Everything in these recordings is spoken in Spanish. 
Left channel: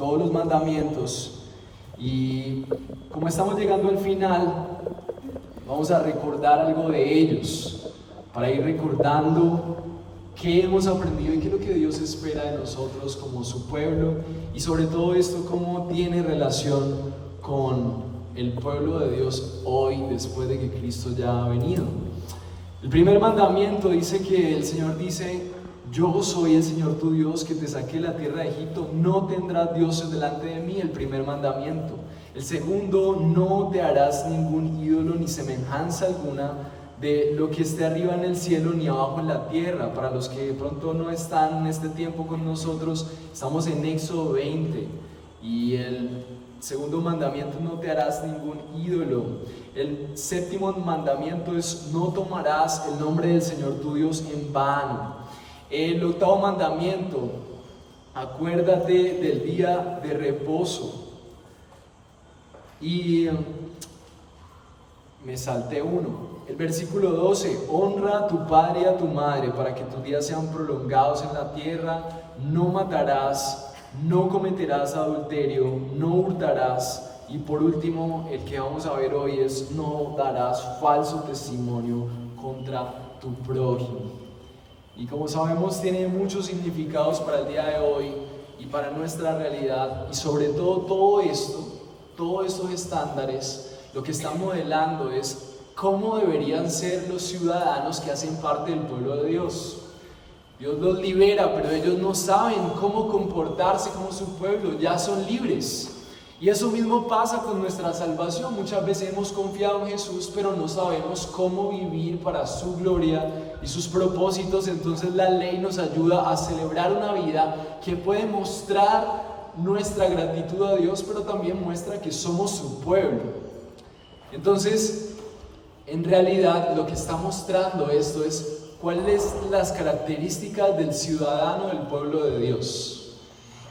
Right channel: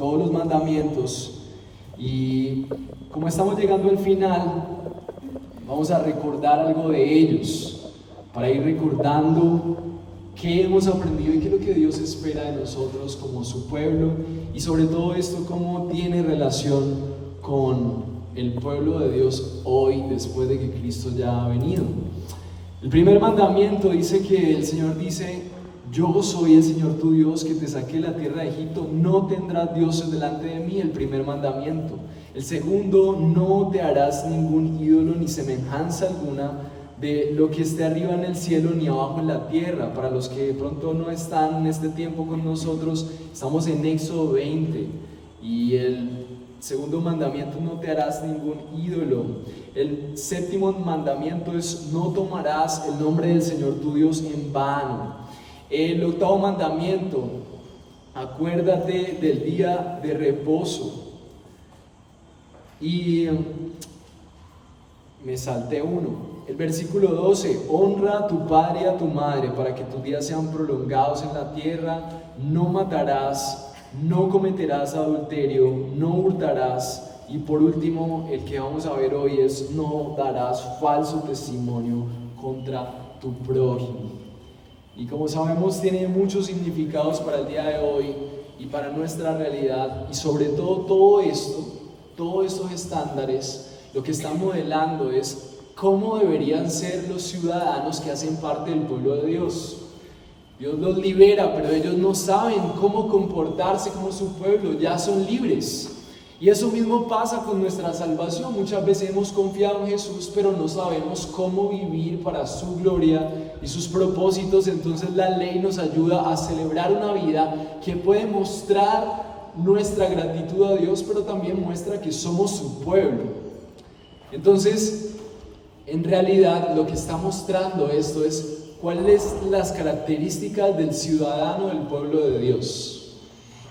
todos los mandamientos. Y como estamos llegando al final, vamos a recordar algo de ellos, para ir recordando qué hemos aprendido y qué es lo que Dios espera de nosotros como su pueblo, y sobre todo esto, cómo tiene relación con el pueblo de Dios hoy, después de que Cristo ya ha venido. El primer mandamiento dice que el Señor dice: yo soy el Señor tu Dios que te saqué de la tierra de Egipto, no tendrás dioses delante de mí, el primer mandamiento. El segundo: no te harás ningún ídolo ni semejanza alguna de lo que esté arriba en el cielo ni abajo en la tierra. Para los que de pronto no están en este tiempo con nosotros, estamos en Éxodo 20, y el segundo mandamiento: no te harás ningún ídolo. El séptimo mandamiento es: no tomarás el nombre del Señor tu Dios en vano. El octavo mandamiento: acuérdate del día de reposo. Y me salté uno. El versículo 12: honra a tu padre y a tu madre para que tus días sean prolongados en la tierra. No matarás, no cometerás adulterio, no hurtarás. Y por último, el que vamos a ver hoy es: no darás falso testimonio contra tu prójimo. Y como sabemos, tiene muchos significados para el día de hoy y para nuestra realidad. Y sobre todo, todos estos estándares, lo que están modelando es cómo deberían ser los ciudadanos que hacen parte del pueblo de Dios. Dios los libera, pero ellos no saben cómo comportarse como su pueblo, ya son libres. Y eso mismo pasa con nuestra salvación. Muchas veces hemos confiado en Jesús, pero no sabemos cómo vivir para su gloria y sus propósitos. Entonces la ley nos ayuda a celebrar una vida que puede mostrar nuestra gratitud a Dios, pero también muestra que somos su pueblo. Entonces, en realidad, lo que está mostrando esto es cuáles son las características del ciudadano del pueblo de Dios.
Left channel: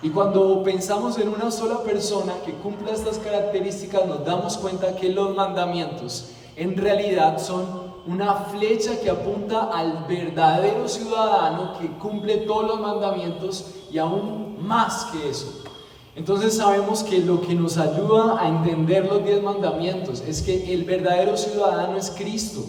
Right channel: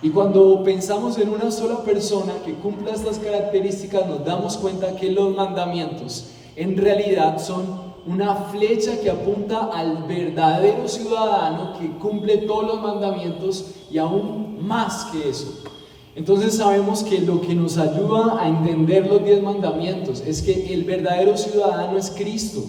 Y cuando pensamos en una sola persona que cumpla estas características, nos damos cuenta que los mandamientos en realidad son una flecha que apunta al verdadero ciudadano que cumple todos los mandamientos y aún más que eso. Entonces sabemos que lo que nos ayuda a entender los 10 mandamientos es que el verdadero ciudadano es Cristo.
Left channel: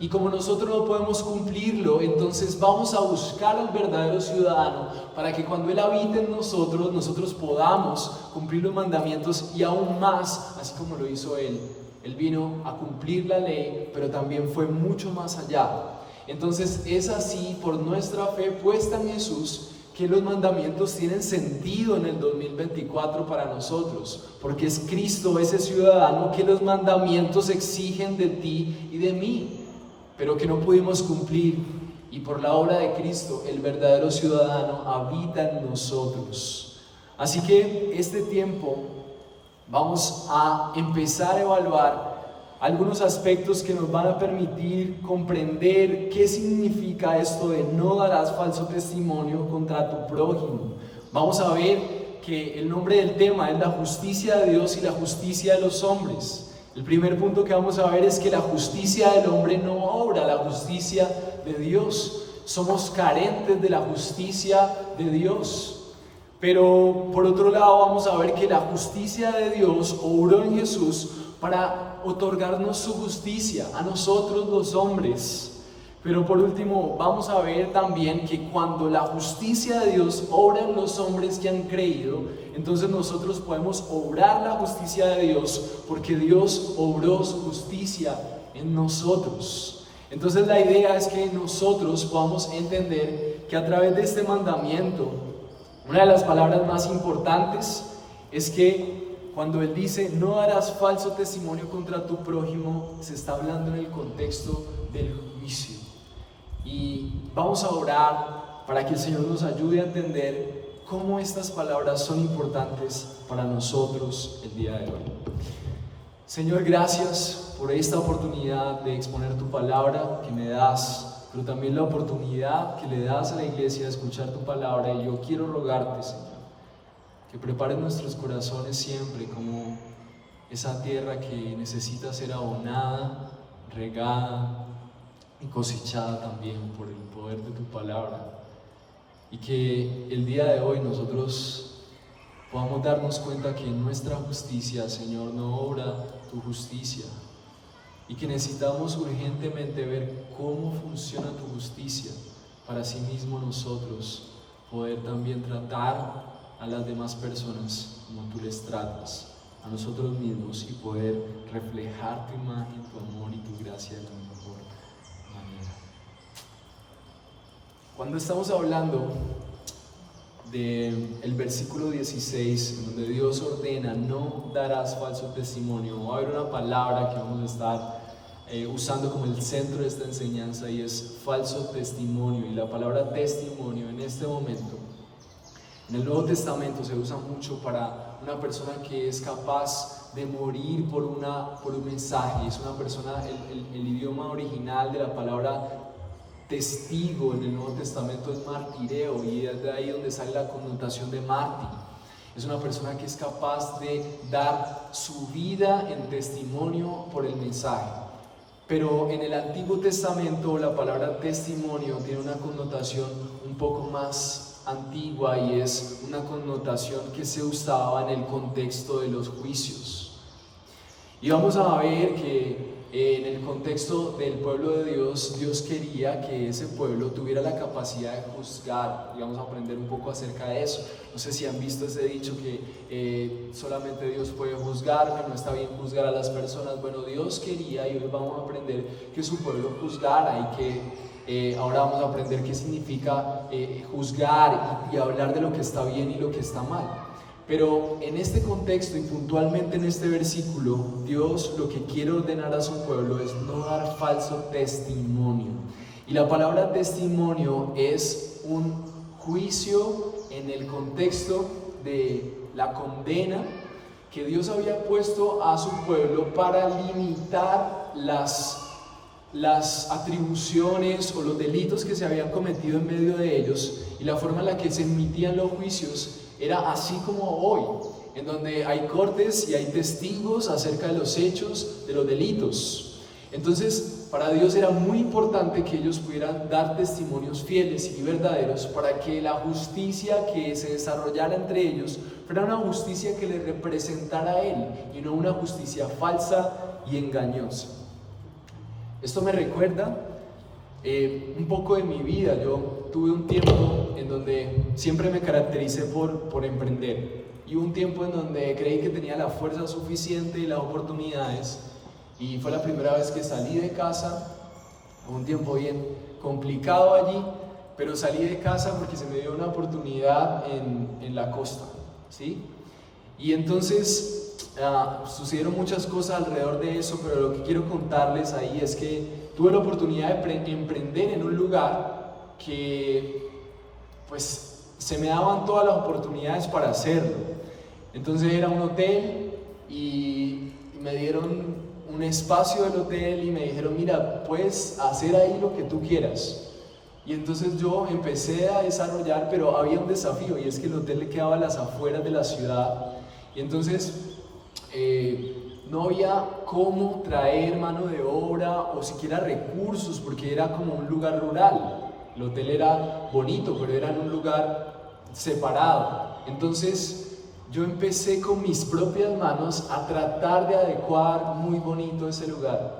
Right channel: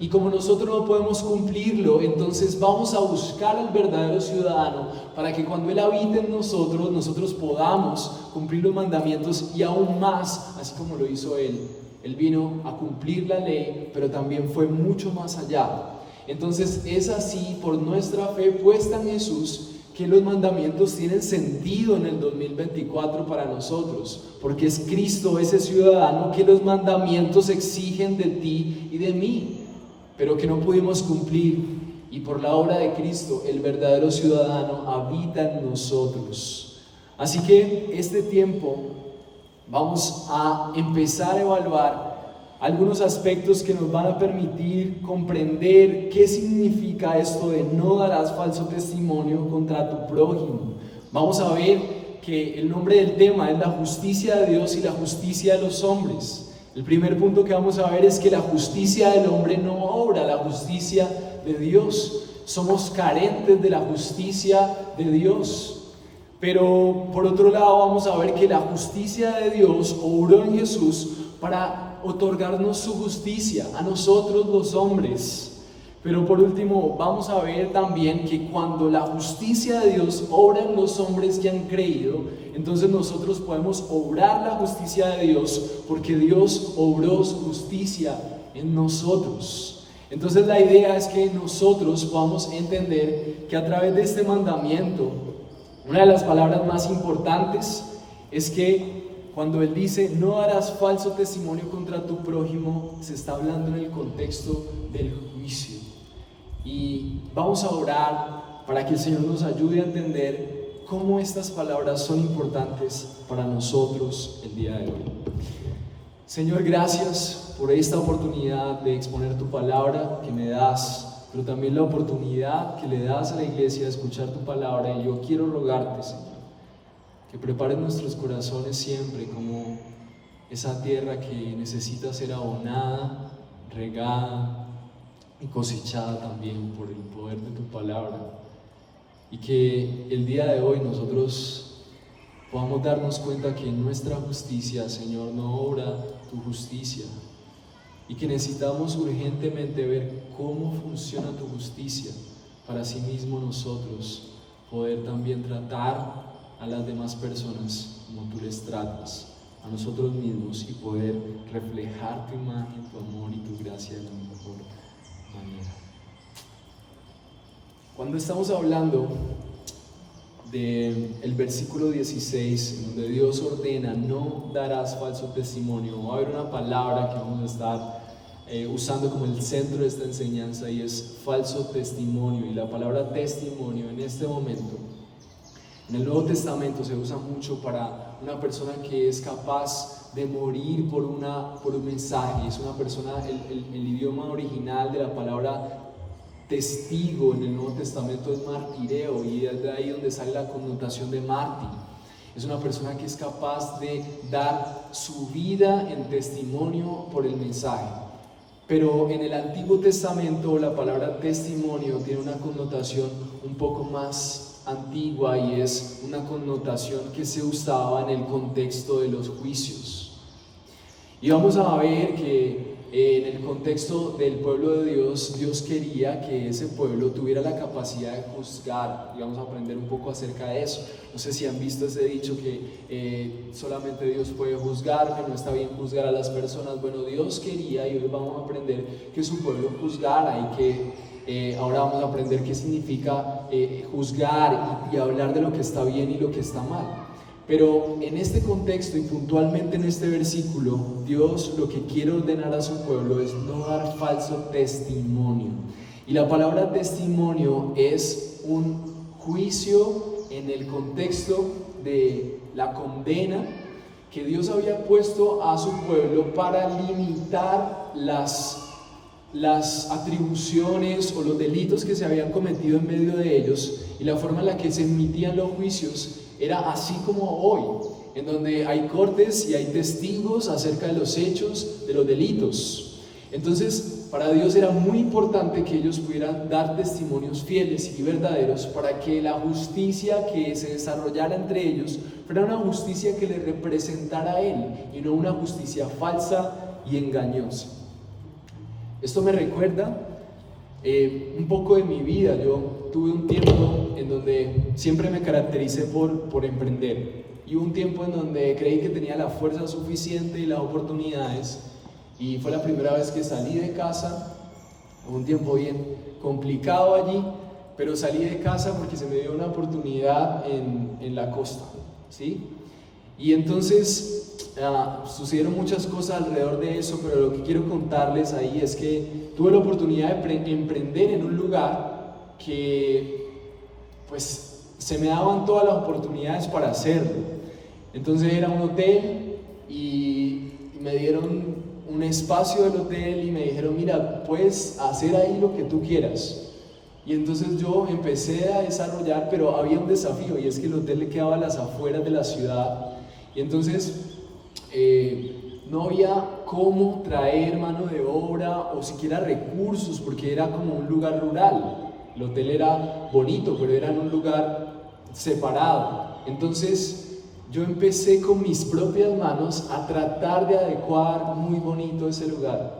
Y como nosotros no podemos cumplirlo, entonces vamos a buscar al verdadero ciudadano para que cuando Él habite en nosotros, nosotros podamos cumplir los mandamientos y aún más, así como lo hizo Él. Él vino a cumplir la ley, pero también fue mucho más allá. Entonces es así, por nuestra fe puesta en Jesús, que los mandamientos tienen sentido en el 2024 para nosotros, porque es Cristo ese ciudadano que los mandamientos exigen de ti y de mí, pero que no pudimos cumplir, y por la obra de Cristo el verdadero ciudadano habita en nosotros. Así que este tiempo vamos a empezar a evaluar algunos aspectos que nos van a permitir comprender qué significa esto de no darás falso testimonio contra tu prójimo. Vamos a ver que el nombre del tema es la justicia de Dios y la justicia de los hombres. El primer punto que vamos a ver es que la justicia del hombre no obra la justicia de Dios. Somos carentes de la justicia de Dios. Pero por otro lado vamos a ver que la justicia de Dios obró en Jesús para otorgarnos su justicia a nosotros los hombres. Pero por último vamos a ver también que cuando la justicia de Dios obra en los hombres que han creído, entonces nosotros podemos obrar la justicia de Dios porque Dios obró su justicia en nosotros. Entonces la idea es que nosotros podamos entender que a través de este mandamiento, una de las palabras más importantes es que cuando Él dice no harás falso testimonio contra tu prójimo, se está hablando en el contexto del juicio. Y vamos a orar para que el Señor nos ayude a entender cómo estas palabras son importantes para nosotros el día de hoy. Señor, gracias por esta oportunidad de exponer tu palabra que me das, pero también la oportunidad que le das a la iglesia de escuchar tu palabra. Y yo quiero rogarte, Señor, que prepares nuestros corazones siempre como esa tierra que necesita ser abonada, regada y cosechada también por el poder de tu palabra. Y que el día de hoy nosotros podamos darnos cuenta que en nuestra justicia, Señor, no obra tu justicia, y que necesitamos urgentemente ver cómo funciona tu justicia para sí mismo nosotros poder también tratar a las demás personas como tú les tratas, a nosotros mismos, y poder reflejar tu imagen, tu amor y tu gracia de la mejor manera. Cuando estamos hablando del versículo 16, en donde Dios ordena: no darás falso testimonio, va a haber una palabra que vamos a estar usando como el centro de esta enseñanza, y es falso testimonio. Y la palabra testimonio en este momento en el Nuevo Testamento se usa mucho para una persona que es capaz de morir por un mensaje. Es una persona, el idioma original de la palabra testigo en el Nuevo Testamento es martireo, y es de ahí donde sale la connotación de mártir. Es una persona que es capaz de dar su vida en testimonio por el mensaje. Pero en el Antiguo Testamento la palabra testimonio tiene una connotación un poco más antigua, y es una connotación que se usaba en el contexto de los juicios. Y vamos a ver que en el contexto del pueblo de Dios, Dios quería que ese pueblo tuviera la capacidad de juzgar, y vamos a aprender un poco acerca de eso. No sé si han visto ese dicho que solamente Dios puede juzgar, que no está bien juzgar a las personas. Bueno, Dios quería, y hoy vamos a aprender, que su pueblo juzgara, y que ahora vamos a aprender qué significa juzgar y hablar de lo que está bien y lo que está mal. Pero en este contexto y puntualmente en este versículo, Dios lo que quiere ordenar a su pueblo es no dar falso testimonio. Y la palabra testimonio es un juicio en el contexto de la condena que Dios había puesto a su pueblo para limitar las atribuciones o los delitos que se habían cometido en medio de ellos, y la forma en la que se emitían los juicios era así como hoy, en donde hay cortes y hay testigos acerca de los hechos, de los delitos. Entonces, para Dios era muy importante que ellos pudieran dar testimonios fieles y verdaderos, para que la justicia que se desarrollara entre ellos fuera una justicia que le representara a Él, y no una justicia falsa y engañosa. Esto me recuerda un poco de mi vida. Yo tuve un tiempo en donde siempre me caractericé por emprender, y un tiempo en donde creí que tenía la fuerza suficiente y las oportunidades, y fue la primera vez que salí de casa. Un tiempo bien complicado allí, pero salí de casa porque se me dio una oportunidad en la costa, ¿sí? Y entonces sucedieron muchas cosas alrededor de eso, pero lo que quiero contarles ahí es que tuve la oportunidad de emprender en un lugar que pues se me daban todas las oportunidades para hacerlo. Entonces era un hotel, y me dieron un espacio del hotel y me dijeron: mira, puedes hacer ahí lo que tú quieras. Y entonces yo empecé a desarrollar, pero había un desafío, y es que el hotel le quedaba a las afueras de la ciudad, y entonces no había cómo traer mano de obra o siquiera recursos, porque era como un lugar rural. El hotel era bonito, pero era en un lugar separado. Entonces yo empecé con mis propias manos a tratar de adecuar muy bonito ese lugar.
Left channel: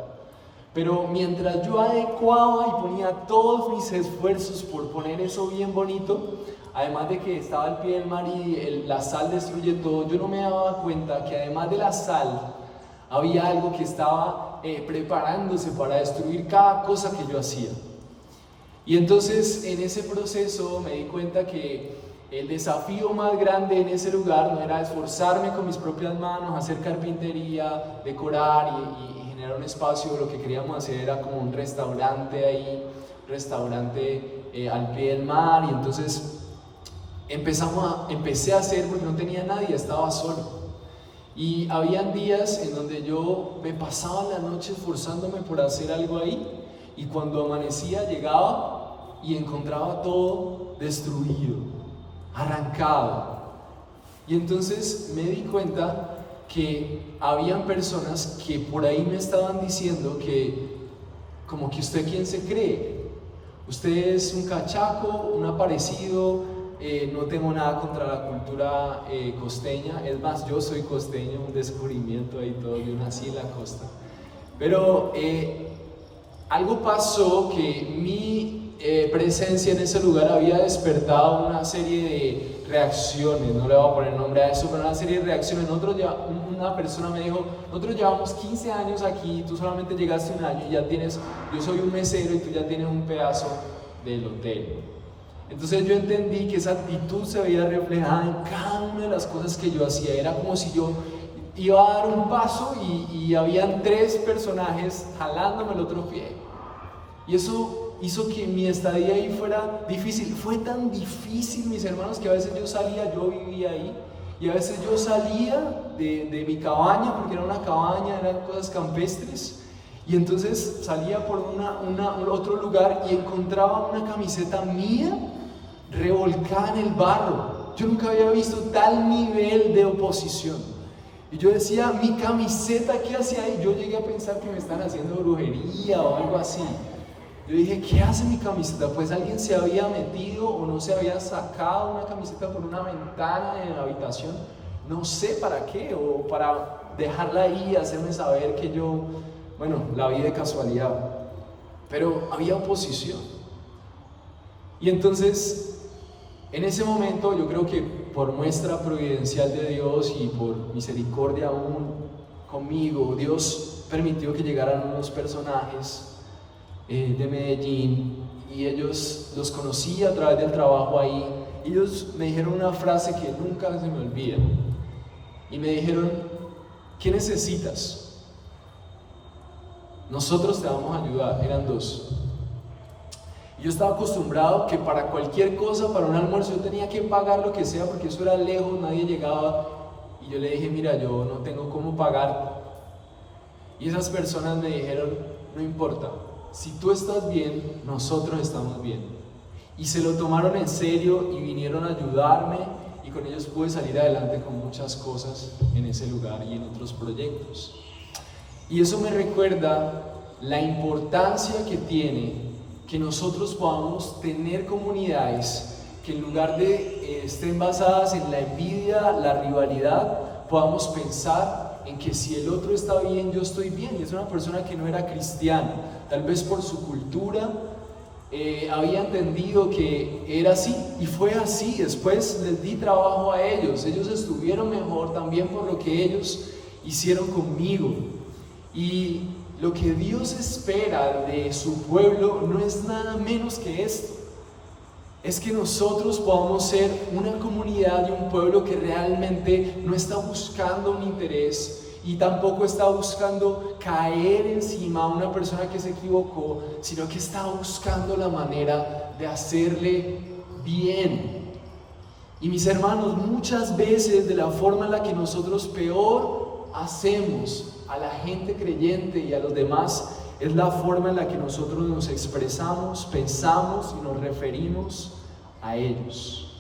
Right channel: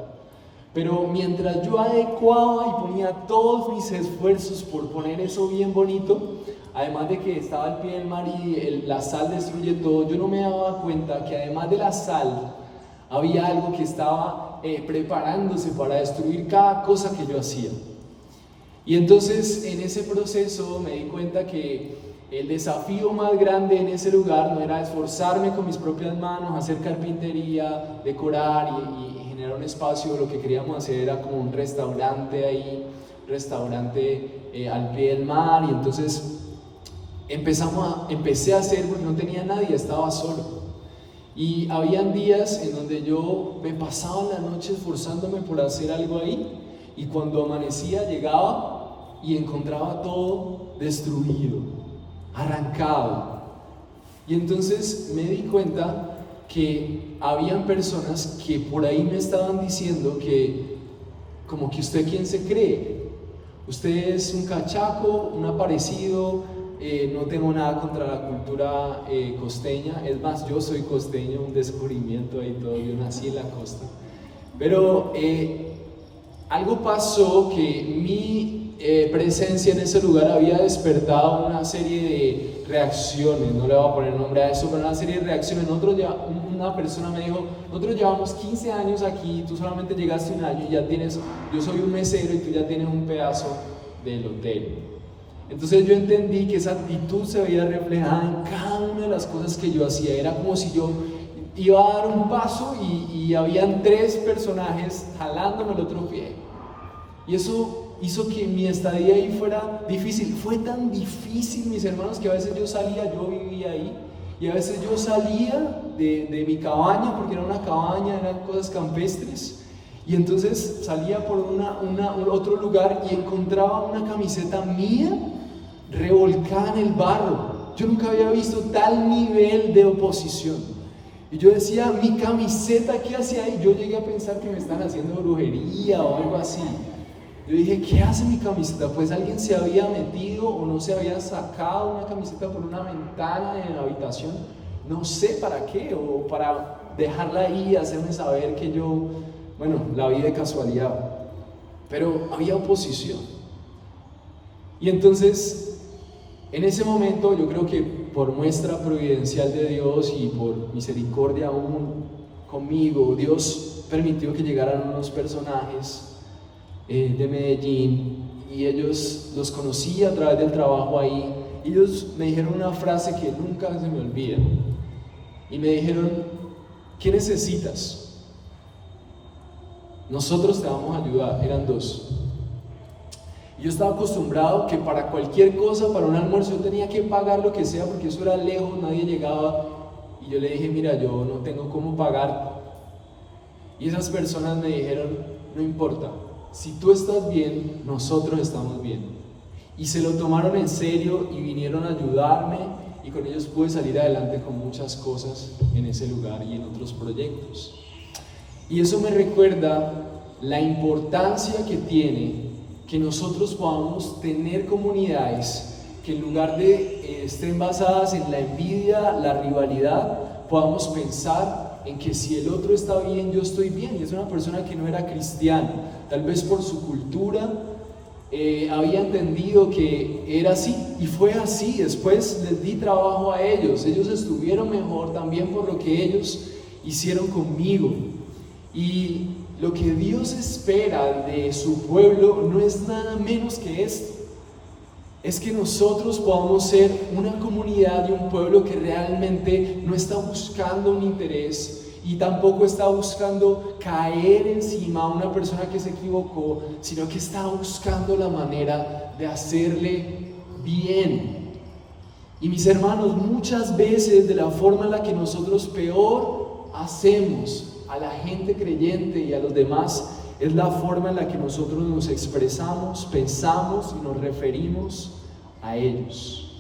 Pero mientras yo adecuaba y ponía todos mis esfuerzos por poner eso bien bonito, además de que estaba al pie del mar y la sal destruye todo, yo no me daba cuenta que además de la sal había algo que estaba preparándose para destruir cada cosa que yo hacía. Y entonces en ese proceso me di cuenta que el desafío más grande en ese lugar no era esforzarme con mis propias manos, hacer carpintería, decorar y generar un espacio. Lo que queríamos hacer era como un restaurante ahí, al pie del mar. Y entonces empecé a hacer, porque no tenía nadie, estaba solo. Y habían días en donde yo me pasaba la noche esforzándome por hacer algo ahí, y cuando amanecía llegaba y encontraba todo destruido, arrancado. Y entonces me di cuenta que habían personas que por ahí me estaban diciendo que, como que usted, ¿quién se cree? Usted es un cachaco, un aparecido, no tengo nada contra la cultura costeña, es más, yo soy costeño, un descubrimiento ahí todo, yo nací en la costa, pero algo pasó que mi presencia en ese lugar había despertado una serie de reacciones, no le voy a poner nombre a eso, pero una serie de reacciones. Una persona me dijo, nosotros llevamos 15 años aquí, tú solamente llegaste un año y ya tienes, yo soy un mesero y tú ya tienes un pedazo del hotel. Entonces yo entendí que esa actitud se veía reflejada en cada una de las cosas que yo hacía. Era como si yo iba a dar un paso y habían 3 personajes jalándome el otro pie. Y eso hizo que mi estadía ahí fuera difícil. Fue tan difícil, mis hermanos, que a veces yo salía, yo vivía ahí, y a veces yo salía de mi cabaña, porque era una cabaña, eran cosas campestres, y entonces salía por otro lugar y encontraba una camiseta mía revolcada en el barro. Yo nunca había visto tal nivel de oposición. Y yo decía, mi camiseta, ¿qué hacía ahí? Yo llegué a pensar que me están haciendo brujería o algo así. Yo dije, ¿qué hace mi camiseta? Pues alguien se había metido o no se había sacado una camiseta por una ventana en la habitación. No sé para qué, o para dejarla ahí y hacerme saber que yo, bueno, la vi de casualidad. Pero había oposición. Y entonces, en ese momento, yo creo que por muestra providencial de Dios y por misericordia aún conmigo, Dios permitió que llegaran unos personajes de Medellín, y ellos los conocí a través del trabajo ahí. Ellos me dijeron una frase que nunca se me olvida, y me dijeron, ¿qué necesitas? Nosotros te vamos a ayudar. Eran 2. Y yo estaba acostumbrado que para cualquier cosa, para un almuerzo, yo tenía que pagar lo que sea, porque eso era lejos, nadie llegaba. Y yo le dije, mira, yo no tengo cómo pagar. Y esas personas me dijeron, no importa, si tú estás bien, nosotros estamos bien. Y se lo tomaron en serio y vinieron a ayudarme, y con ellos pude salir adelante con muchas cosas en ese lugar y en otros proyectos. Y eso me recuerda la importancia que tiene que nosotros podamos tener comunidades que, en lugar de estén basadas en la envidia, la rivalidad, podamos pensar en que si el otro está bien, yo estoy bien. Y es una persona que no era cristiana, tal vez por su cultura había entendido que era así, y fue así. Después les di trabajo a ellos estuvieron mejor también por lo que ellos hicieron conmigo. Y lo que Dios espera de su pueblo no es nada menos que esto: es que nosotros podamos ser una comunidad y un pueblo que realmente no está buscando un interés y tampoco está buscando caer encima a una persona que se equivocó, sino que está buscando la manera de hacerle bien. Y mis hermanos, muchas veces de la forma en la que nosotros peor hacemos a la gente creyente y a los demás es la forma en la que nosotros nos expresamos, pensamos y nos referimos a ellos.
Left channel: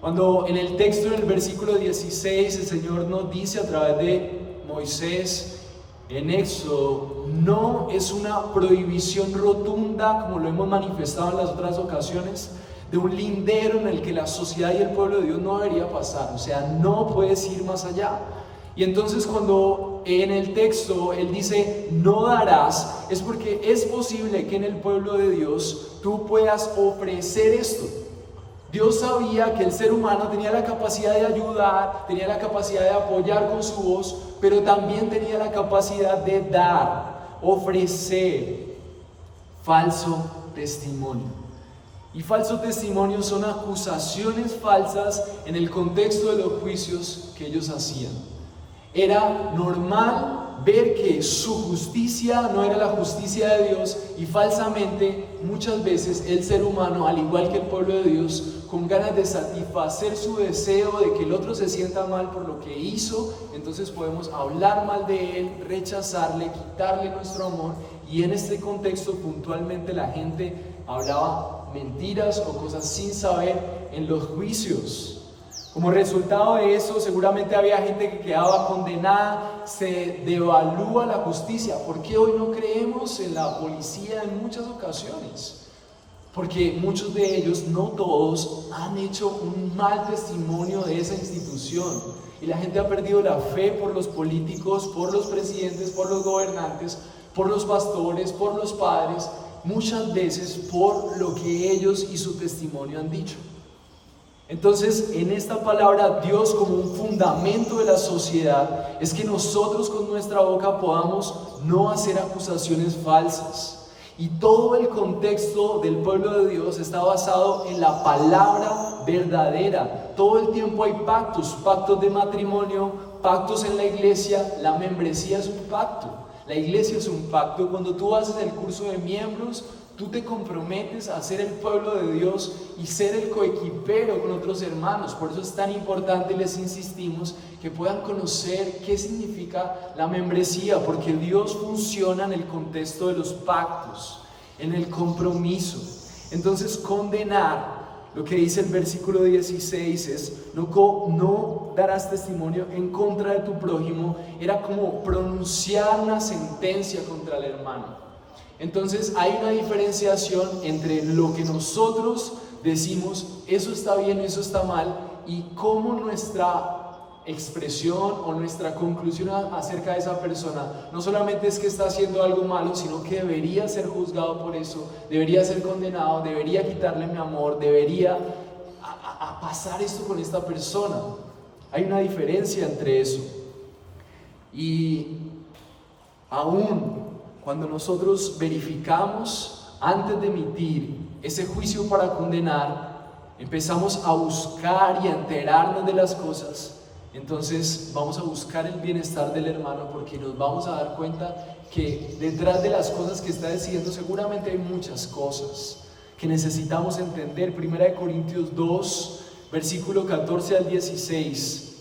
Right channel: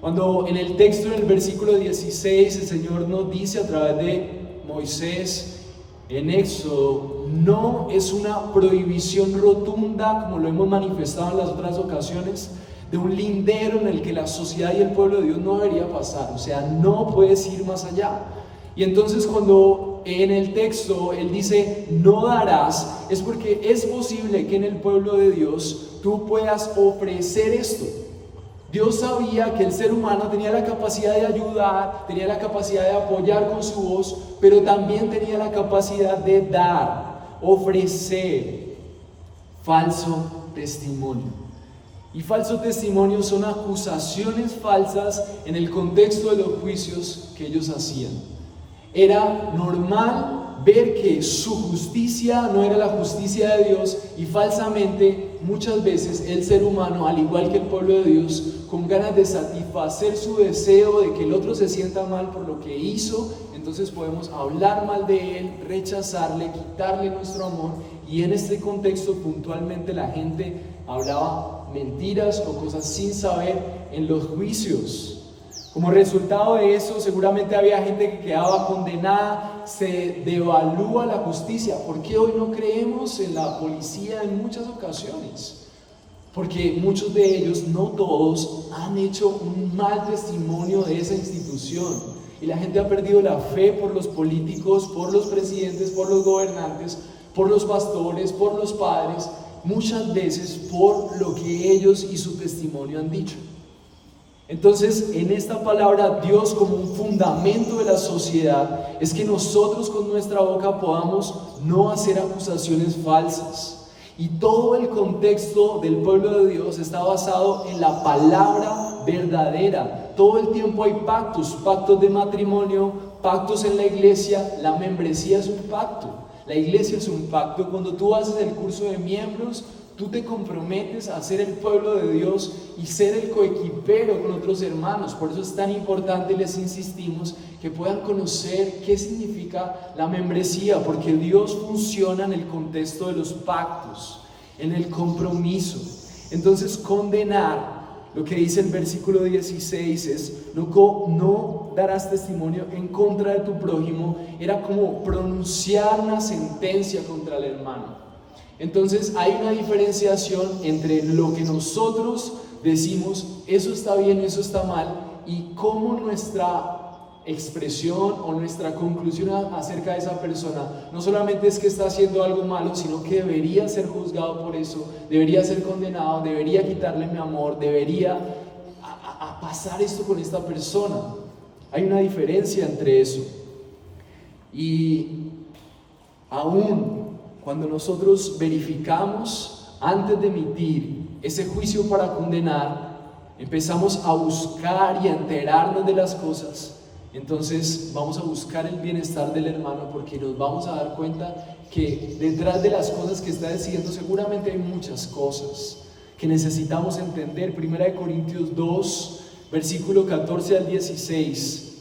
Cuando en el texto, en el versículo 16, el Señor nos dice a través de Moisés en Éxodo, no es una prohibición rotunda, como lo hemos manifestado en las otras ocasiones, de un lindero en el que la sociedad y el pueblo de Dios no debería pasar. O sea, no puedes ir más allá. Y entonces cuando en el texto Él dice no darás, es porque es posible que en el pueblo de Dios tú puedas ofrecer esto. Dios sabía que el ser humano tenía la capacidad de ayudar, tenía la capacidad de apoyar con su voz, pero también tenía la capacidad de dar, ofrecer falso testimonio. Y falso testimonio son acusaciones falsas en el contexto de los juicios que ellos hacían. Era normal ver que su justicia no era la justicia de Dios, y falsamente muchas veces el ser humano, al igual que el pueblo de Dios, con ganas de satisfacer su deseo de que el otro se sienta mal por lo que hizo, entonces podemos hablar mal de él, rechazarle, quitarle nuestro amor. Y en este contexto puntualmente la gente hablaba mentiras o cosas sin saber en los juicios. Como resultado de eso, seguramente había gente que quedaba condenada. Se devalúa la justicia. ¿Por qué hoy no creemos en la policía en muchas ocasiones? porque muchos de ellos, no todos, han hecho un mal testimonio de esa institución. Y la gente ha perdido la fe por los políticos, por los presidentes, por los gobernantes, por los pastores, por los padres, muchas veces por lo que ellos y su testimonio han dicho. Entonces, en esta palabra, Dios como un fundamento de la sociedad es que nosotros con nuestra boca podamos no hacer acusaciones falsas. Y todo el contexto del pueblo de Dios está basado en la palabra verdadera. Todo el tiempo hay pactos, pactos de matrimonio, pactos en la iglesia. La membresía es un pacto, la iglesia es un pacto. Cuando tú haces el curso de miembros, tú te comprometes a ser el pueblo de Dios y ser el coequipero con otros hermanos. Por eso es tan importante, les insistimos, que puedan conocer qué significa la membresía, porque Dios funciona en el contexto de los pactos, en el compromiso. Entonces, condenar, lo que dice el versículo 16 es, no darás testimonio en contra de tu prójimo, era como pronunciar una sentencia contra el hermano. Entonces hay una diferenciación entre lo que nosotros decimos, eso está bien, eso está mal, y cómo nuestra expresión o nuestra conclusión acerca de esa persona no solamente es que está haciendo algo malo, sino que debería ser juzgado por eso, debería ser condenado, debería quitarle mi amor, debería pasar esto con esta persona. Hay una diferencia entre eso. Y aún cuando nosotros verificamos antes de emitir ese juicio para condenar, empezamos a buscar y a enterarnos de las cosas, entonces vamos a buscar el bienestar del hermano, porque nos vamos a dar cuenta que detrás de las cosas que está diciendo seguramente hay muchas cosas que necesitamos entender. 1 Corintios 2, versículo 14 al 16,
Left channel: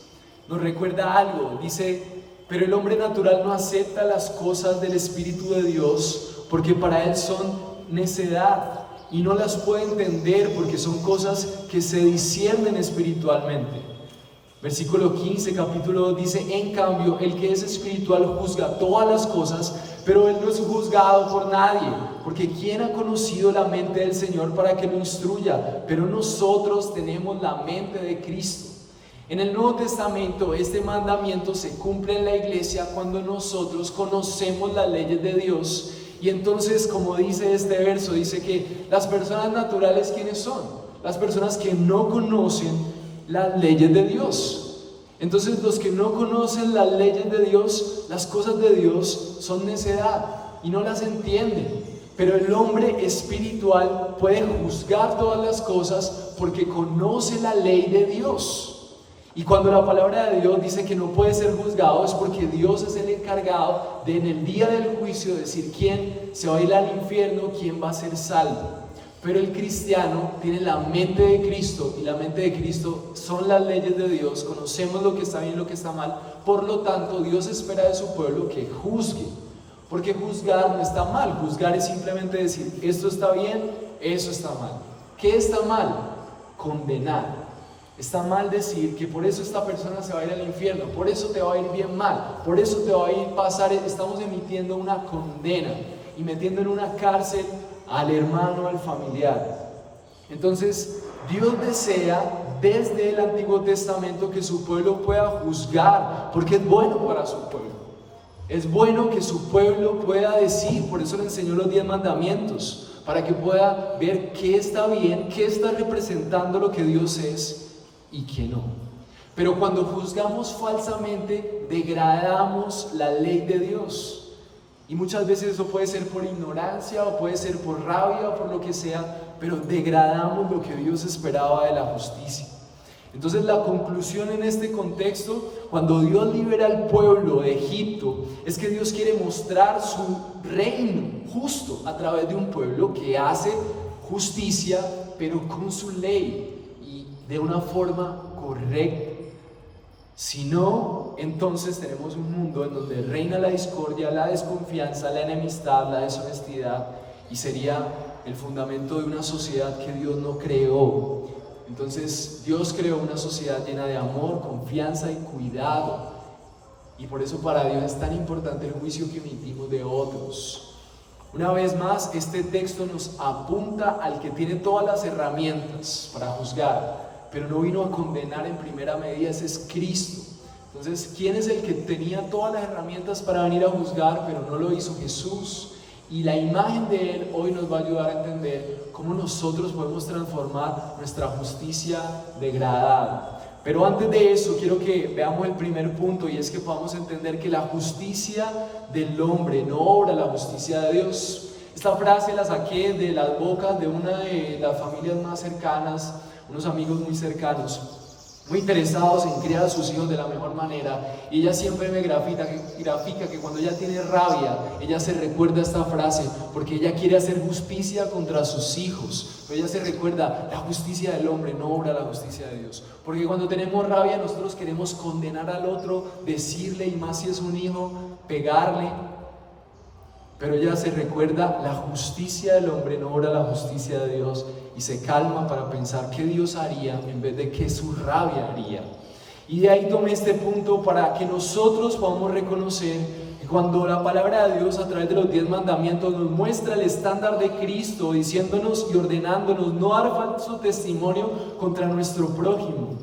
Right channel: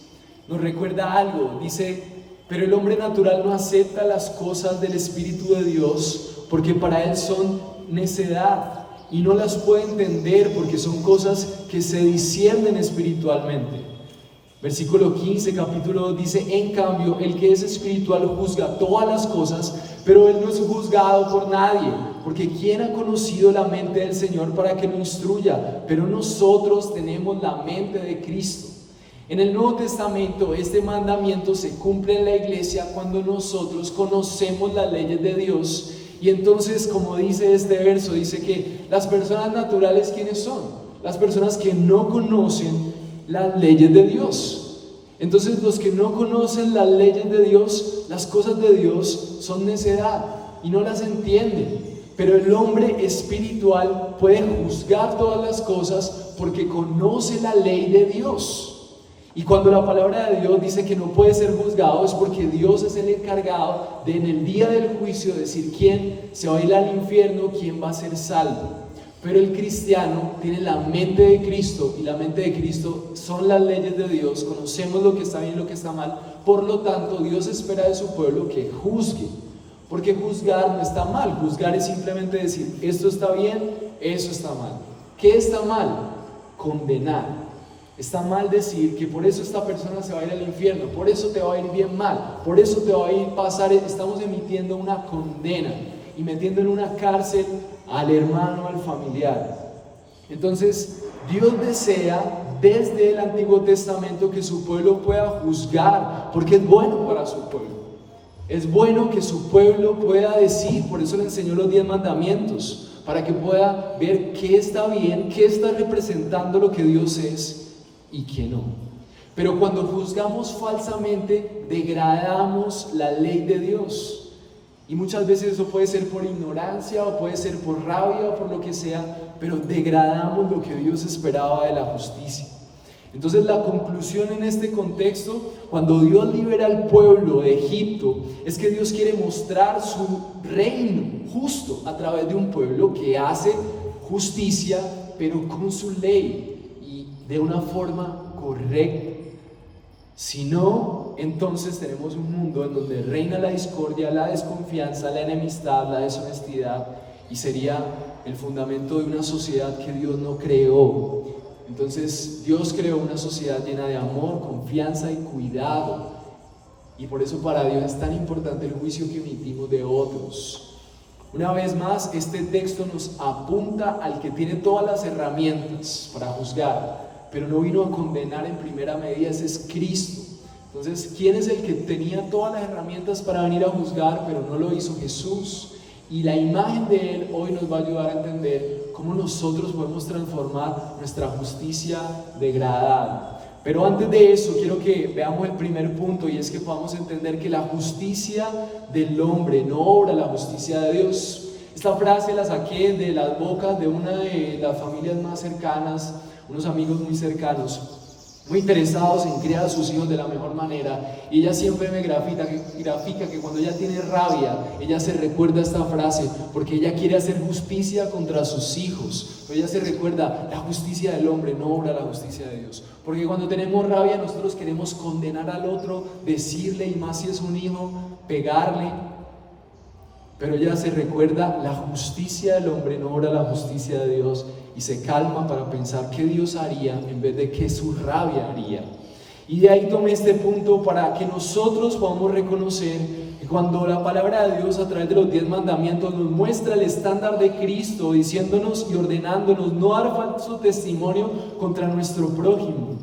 nos recuerda algo. Dice: pero el hombre natural no acepta las cosas del Espíritu de Dios, porque para él son necedad, y no las puede entender porque son cosas que se disciernen espiritualmente. Versículo 15, capítulo 2 dice: en cambio, el que es espiritual juzga todas las cosas, pero él no es juzgado por nadie, porque ¿quién ha conocido la mente del Señor para que lo instruya? Pero nosotros tenemos la mente de Cristo. En el Nuevo Testamento este mandamiento se cumple en la iglesia cuando nosotros conocemos las leyes de Dios. Y entonces, como dice este verso, dice que las personas naturales, ¿quiénes son? Las personas que no conocen las leyes de Dios. Entonces, los que no conocen las leyes de Dios, las cosas de Dios son necedad y no las entienden. Pero el hombre espiritual puede juzgar todas las cosas porque conoce la ley de Dios. Y cuando la palabra de Dios dice que no puede ser juzgado, es porque Dios es el encargado de, en el día del juicio, decir quién se va a ir al infierno, quién va a ser salvo. Pero el cristiano tiene la mente de Cristo, y la mente de Cristo son las leyes de Dios. Conocemos lo que está bien y lo que está mal. Por lo tanto, Dios espera de su pueblo que juzgue, porque juzgar no está mal. Juzgar es simplemente decir, esto está bien, eso está mal. ¿Qué está mal? Condenar. Está mal decir que por eso esta persona se va a ir al infierno, por eso te va a ir bien mal, por eso te va a ir pasar. Estamos emitiendo una condena y metiendo en una cárcel al hermano, al familiar. Entonces, Dios desea desde el Antiguo Testamento que su pueblo pueda juzgar, porque es bueno para su pueblo. Es bueno que su pueblo pueda decir, por eso le enseñó los 10 mandamientos, para que pueda ver qué está bien, qué está representando lo que Dios es y que no. Pero cuando juzgamos falsamente, degradamos la ley de Dios. Y muchas veces eso puede ser por ignorancia, o puede ser por rabia, o por lo que sea, pero degradamos lo que Dios esperaba de la justicia. Entonces, la conclusión en este contexto, cuando Dios libera al pueblo de Egipto, es que Dios quiere mostrar su reino justo a través de un pueblo que hace justicia, pero con su ley, de una forma correcta. Si no, entonces tenemos un mundo en donde reina la discordia, la desconfianza, la enemistad, la deshonestidad, y sería el fundamento de una sociedad que Dios no creó. Entonces, Dios creó una sociedad llena de amor, confianza y cuidado, y por eso para Dios es tan importante el juicio que emitimos de otros. Una vez más, este texto nos apunta al que tiene todas las herramientas para juzgar, pero no vino a condenar en primera medida, ese es Cristo. Entonces, ¿quién es el que tenía todas las herramientas para venir a juzgar, pero no lo hizo? Jesús. Y la imagen de Él hoy nos va a ayudar a entender cómo nosotros podemos transformar nuestra justicia degradada. Pero antes de eso, quiero que veamos el primer punto, y es que podamos entender que la justicia del hombre no obra la justicia de Dios. Esta frase la saqué de las bocas de una de las familias más cercanas, unos amigos muy cercanos, muy interesados en criar a sus hijos de la mejor manera, y ella siempre me grafica que cuando ella tiene rabia, ella se recuerda esta frase, porque ella quiere hacer justicia contra sus hijos, pero ella se recuerda, la justicia del hombre no obra la justicia de Dios, porque cuando tenemos rabia nosotros queremos condenar al otro, decirle, y más si es un hijo, pegarle, pero ella se recuerda, la justicia del hombre no obra la justicia de Dios, y se calma para pensar qué Dios haría en vez de qué su rabia haría. Y de ahí tomé este punto para que nosotros podamos reconocer que cuando la palabra de Dios a través de los 10 mandamientos nos muestra el estándar de Cristo, diciéndonos y ordenándonos no dar falso testimonio contra nuestro prójimo,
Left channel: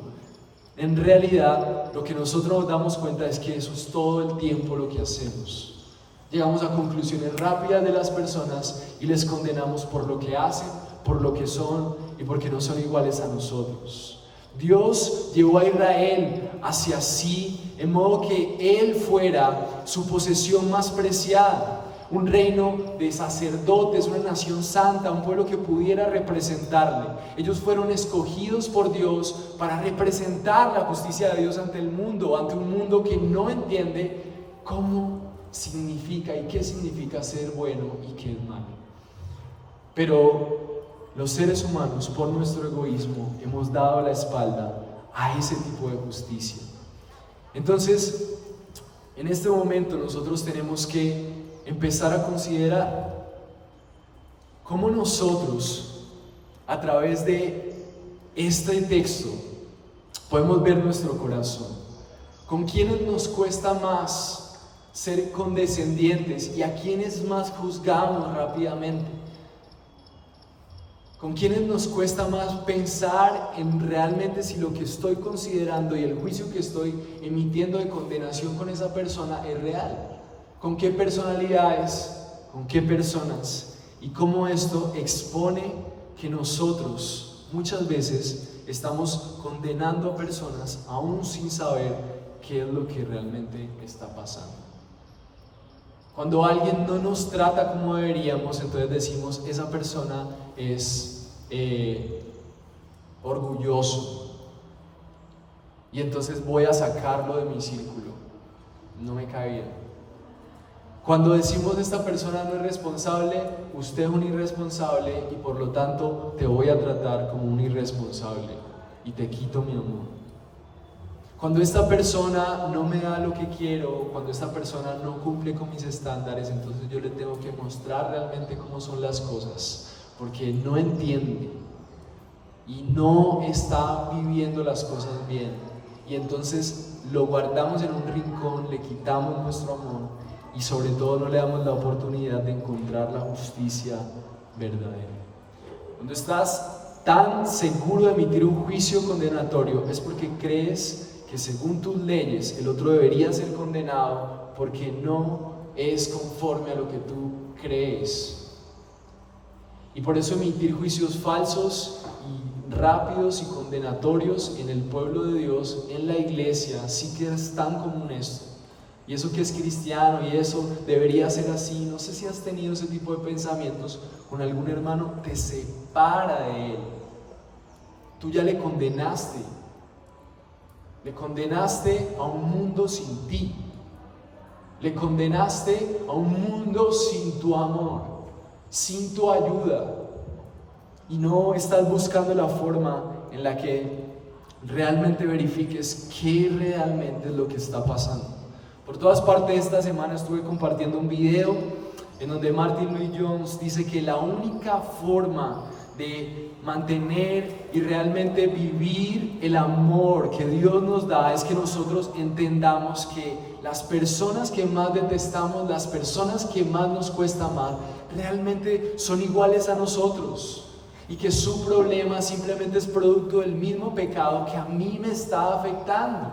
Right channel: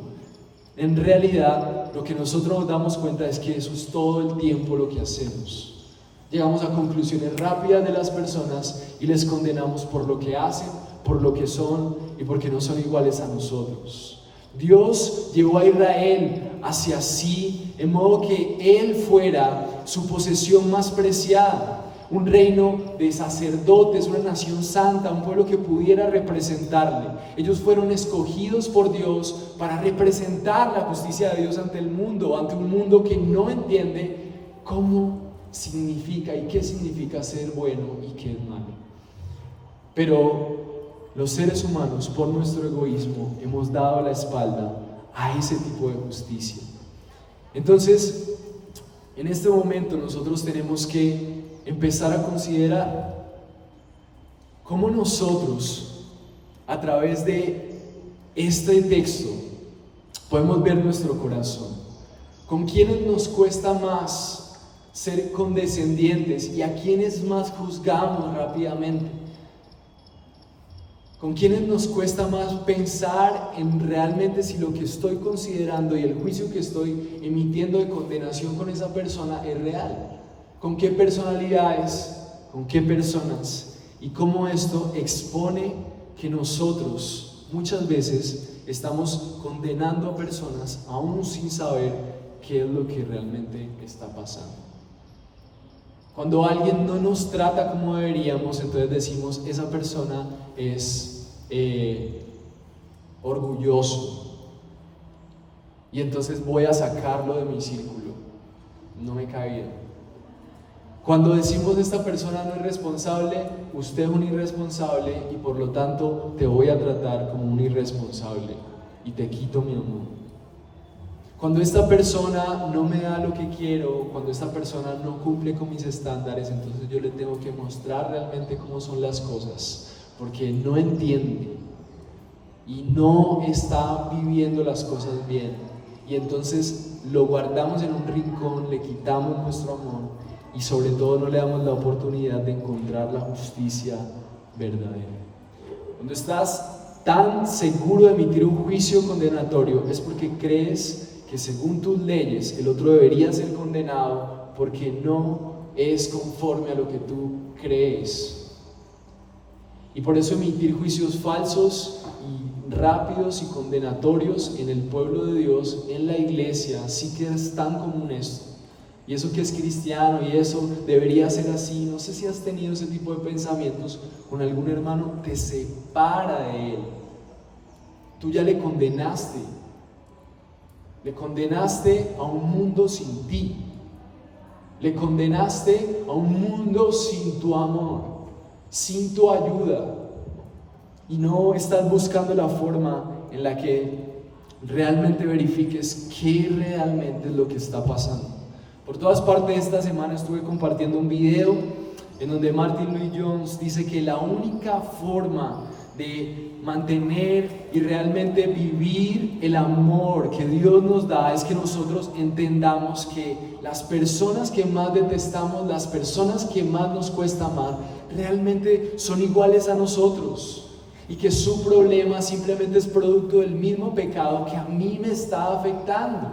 en realidad lo que nosotros nos damos cuenta es que eso es todo el tiempo lo que hacemos. Llegamos a conclusiones rápidas de las personas y les condenamos por lo que hacen, por lo que son y porque no son iguales a nosotros. Dios llevó a Israel hacia sí, en modo que Él fuera su posesión más preciada, un reino de sacerdotes, una nación santa, un pueblo que pudiera representarle. Ellos fueron escogidos por Dios para representar la justicia de Dios ante el mundo, ante un mundo que no entiende cómo significa y qué significa ser bueno y qué es malo. Pero los seres humanos, por nuestro egoísmo, hemos dado la espalda a ese tipo de justicia. Entonces, en este momento nosotros tenemos que empezar a considerar cómo nosotros, a través de este texto, podemos ver nuestro corazón. ¿Con quiénes nos cuesta más ser condescendientes y a quiénes más juzgamos rápidamente? ¿Con quiénes nos cuesta más pensar en realmente si lo que estoy considerando y el juicio que estoy emitiendo de condenación con esa persona es real? ¿Con qué personalidades? ¿Con qué personas? Y cómo esto expone que nosotros muchas veces estamos condenando a personas aún sin saber qué es lo que realmente está pasando. Cuando alguien no nos trata como deberíamos, entonces decimos, esa persona es orgulloso y entonces voy a sacarlo de mi círculo, no me cae bien. Cuando decimos, esta persona no es responsable, usted es un irresponsable y por lo tanto te voy a tratar como un irresponsable y te quito mi amor. Cuando esta persona no me da lo que quiero, cuando esta persona no cumple con mis estándares, entonces yo le tengo que mostrar realmente cómo son las cosas, porque no entiende y no está viviendo las cosas bien. Y entonces lo guardamos en un rincón, le quitamos nuestro amor y sobre todo no le damos la oportunidad de encontrar la justicia verdadera. Cuando estás tan seguro de emitir un juicio condenatorio es porque crees que según tus leyes el otro debería ser condenado porque no es conforme a lo que tú crees. Y por eso emitir juicios falsos y rápidos y condenatorios en el pueblo de Dios, en la iglesia, sí que es tan común esto. Y eso que es cristiano y eso debería ser así. No sé si has tenido ese tipo de pensamientos con algún hermano, te separa de él. Tú ya le condenaste. Le condenaste a un mundo sin ti. Le condenaste a un mundo sin tu amor, sin tu ayuda. Y no estás buscando la forma en la que realmente verifiques qué realmente es lo que está pasando. Por todas partes esta semana estuve compartiendo un video en donde Martin Lloyd-Jones dice que la única forma de mantener y realmente vivir el amor que Dios nos da es que nosotros entendamos que las personas que más detestamos, las personas que más nos cuesta amar, realmente son iguales a nosotros y que su problema simplemente es producto del mismo pecado que a mí me está afectando.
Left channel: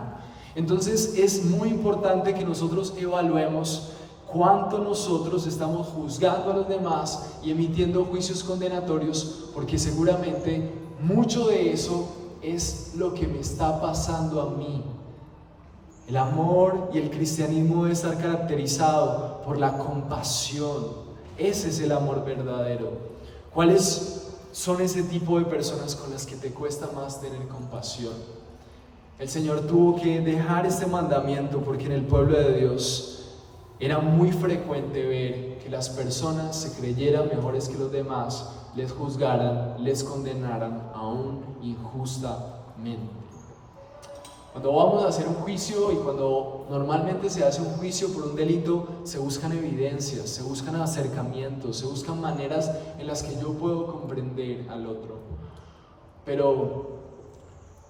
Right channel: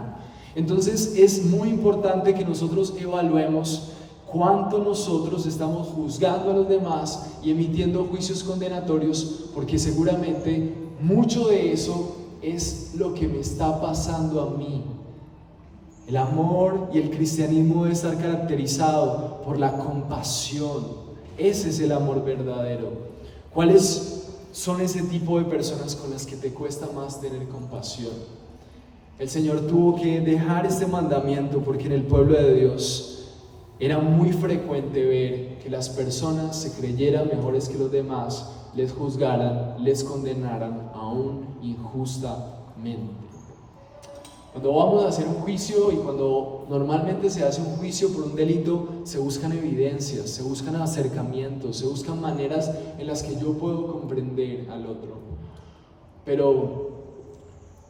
Entonces es muy importante que nosotros evaluemos cuánto nosotros estamos juzgando a los demás y emitiendo juicios condenatorios, porque seguramente mucho de eso es lo que me está pasando a mí. El amor y el cristianismo debe estar caracterizado por la compasión. Ese es el amor verdadero. ¿Cuáles son ese tipo de personas con las que te cuesta más tener compasión? El Señor tuvo que dejar este mandamiento porque en el pueblo de Dios era muy frecuente ver que las personas se creyeran mejores que los demás, les juzgaran, les condenaran aún injustamente. Cuando vamos a hacer un juicio y cuando normalmente se hace un juicio por un delito, se buscan evidencias, se buscan acercamientos, se buscan maneras en las que yo puedo comprender al otro. Pero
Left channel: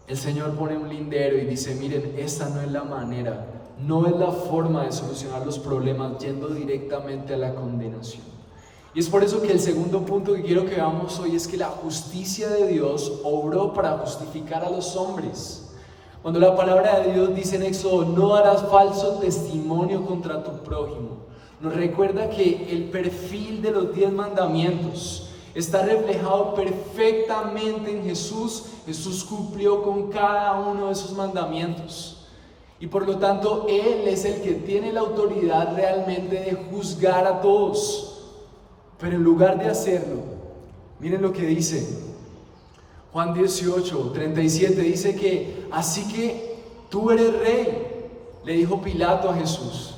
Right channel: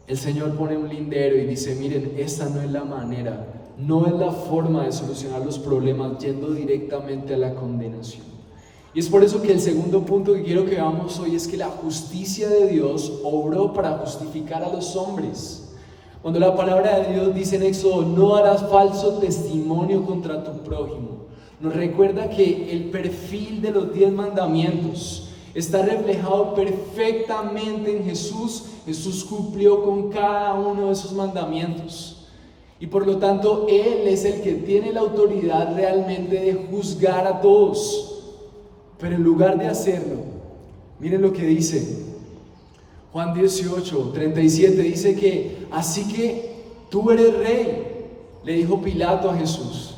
el Señor pone un lindero y dice, miren, esta no es la manera. No es la forma de solucionar los problemas yendo directamente a la condenación. Y es por eso que el segundo punto que quiero que veamos hoy es que la justicia de Dios obró para justificar a los hombres. Cuando la palabra de Dios dice en Éxodo, no darás falso testimonio contra tu prójimo, nos recuerda que el perfil de los 10 mandamientos está reflejado perfectamente en Jesús. Jesús cumplió con cada uno de esos mandamientos. Y por lo tanto, Él es el que tiene la autoridad realmente de juzgar a todos. Pero en lugar de hacerlo, miren lo que dice Juan 18:37, dice que así que tú eres rey, le dijo Pilato a Jesús.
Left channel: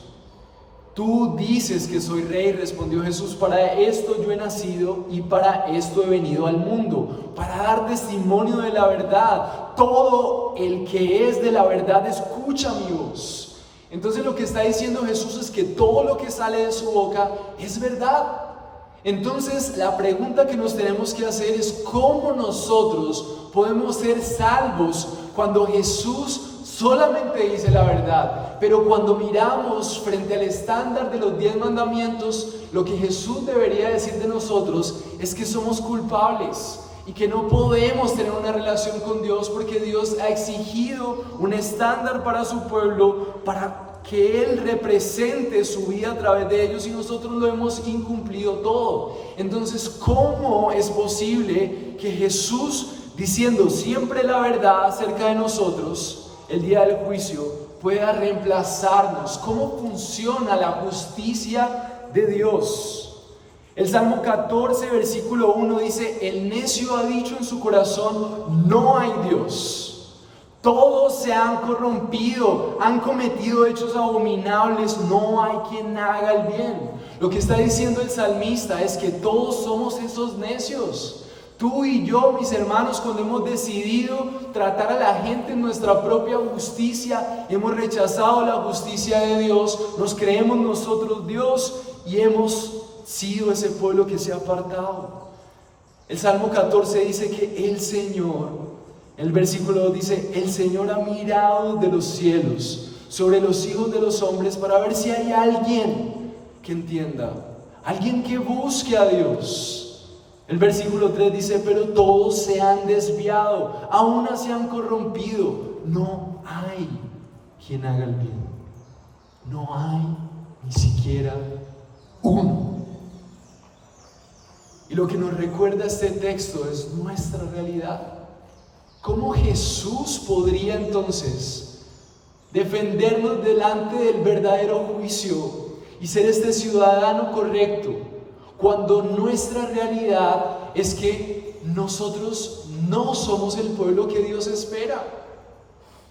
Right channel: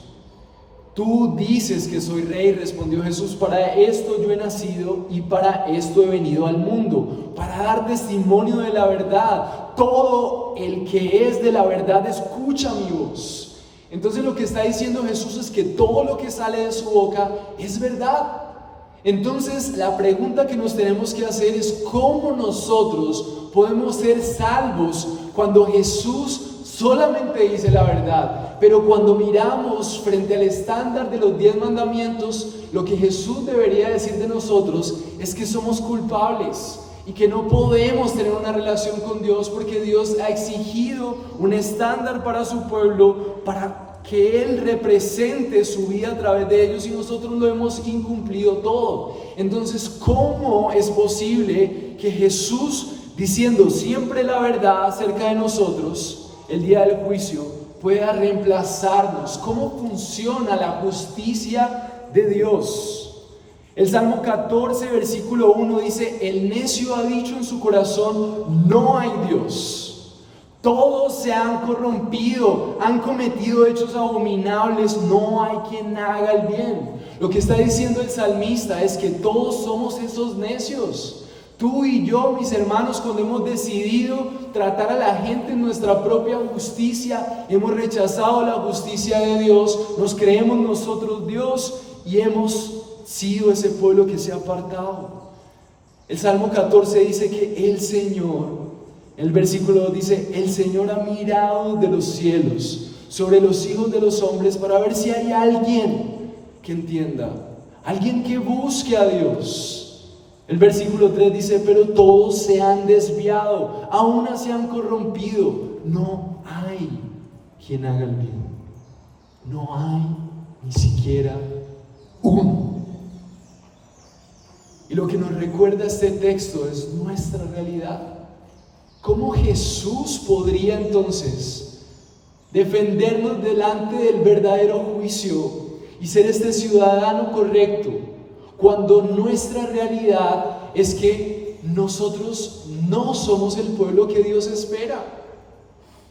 Tú dices que soy rey, respondió Jesús, para esto yo he nacido y para esto he venido al mundo, para dar testimonio de la verdad. Todo el que es de la verdad escucha mi voz. Entonces lo que está diciendo Jesús es que todo lo que sale de su boca es verdad. Entonces la pregunta que nos tenemos que hacer es ¿cómo nosotros podemos ser salvos cuando Jesús solamente dice la verdad? Pero cuando miramos frente al estándar de los 10 mandamientos, lo que Jesús debería decir de nosotros es que somos culpables y que no podemos tener una relación con Dios porque Dios ha exigido un estándar para su pueblo para que Él represente su vida a través de ellos y nosotros lo hemos incumplido todo. Entonces, ¿cómo es posible que Jesús, diciendo siempre la verdad acerca de nosotros, el día del juicio, pueda reemplazarnos? ¿Cómo funciona la justicia de Dios? El Salmo 14, versículo 1 dice, el necio ha dicho en su corazón, no hay Dios. Todos se han corrompido, han cometido hechos abominables, no hay quien haga el bien. Lo que está diciendo el salmista es que todos somos esos necios. Tú y yo, mis hermanos, cuando hemos decidido tratar a la gente en nuestra propia justicia, hemos rechazado la justicia de Dios, nos creemos nosotros Dios y hemos sido ese pueblo que se ha apartado. El Salmo 14 dice que el Señor, el versículo 2 dice, el Señor ha mirado de los cielos sobre los hijos de los hombres para ver si hay alguien que entienda, alguien que busque a Dios. El versículo 3 dice, pero todos se han desviado, aún se han corrompido, no hay quien haga el bien, no hay ni siquiera uno. Y lo que nos recuerda este texto es nuestra realidad. ¿Cómo Jesús podría entonces defendernos delante del verdadero juicio y ser este ciudadano correcto cuando nuestra realidad es que nosotros no somos el pueblo que Dios espera?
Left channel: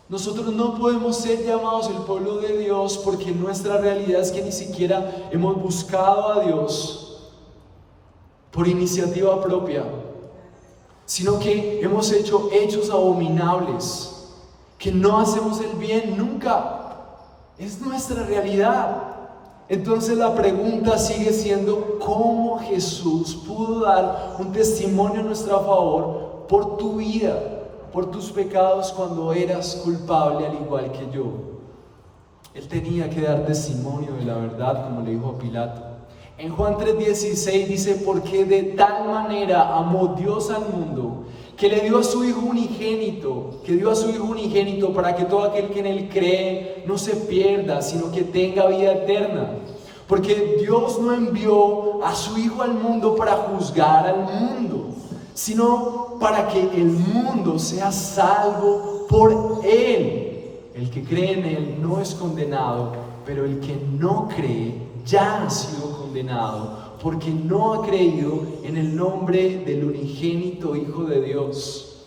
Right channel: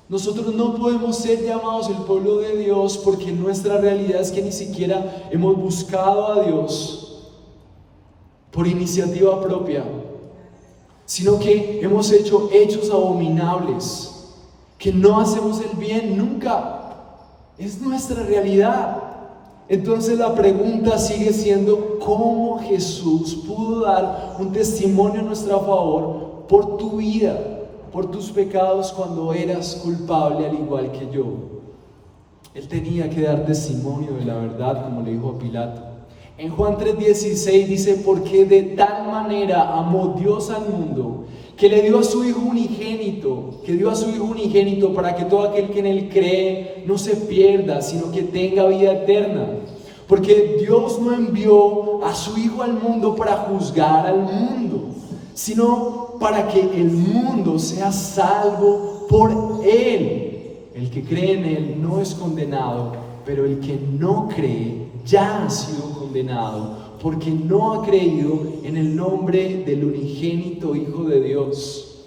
Nosotros no podemos ser llamados el pueblo de Dios porque nuestra realidad es que ni siquiera hemos buscado a Dios por iniciativa propia, sino que hemos hecho hechos abominables, que no hacemos el bien nunca. Es nuestra realidad. Entonces la pregunta sigue siendo: ¿cómo Jesús pudo dar un testimonio a nuestro favor por tu vida, por tus pecados cuando eras culpable al igual que yo? Él tenía que dar testimonio de la verdad, como le dijo a Pilato. En Juan 3:16 dice: porque de tal manera amó Dios al mundo, que le dio a su Hijo unigénito, para que todo aquel que en Él cree no se pierda, sino que tenga vida eterna. Porque Dios no envió a su Hijo al mundo para juzgar al mundo, sino para que el mundo sea salvo por Él. El que cree en Él no es condenado, pero el que no cree ya ha sido condenado, porque no ha creído en el nombre del unigénito Hijo de Dios.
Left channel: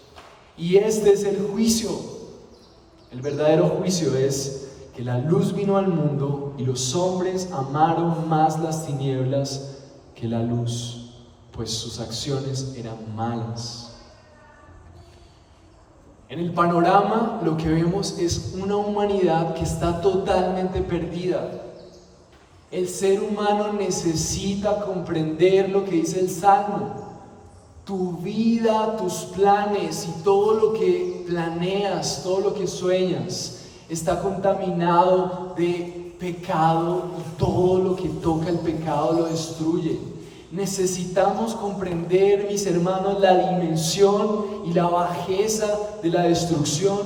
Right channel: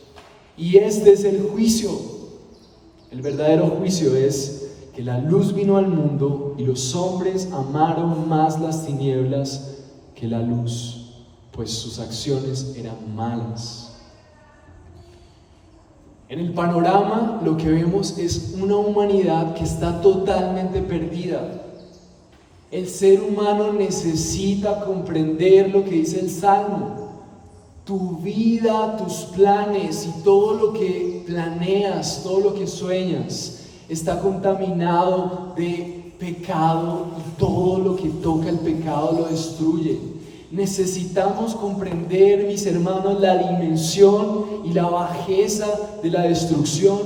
Y este es el juicio. El verdadero juicio es que la luz vino al mundo y los hombres amaron más las tinieblas que la luz, pues sus acciones eran malas. En el panorama lo que vemos es una humanidad que está totalmente perdida. El ser humano necesita comprender lo que dice el Salmo. Tu vida, tus planes y todo lo que planeas, todo lo que sueñas, está contaminado de pecado y todo lo que toca el pecado lo destruye. Necesitamos comprender, mis hermanos, la dimensión y la bajeza de la destrucción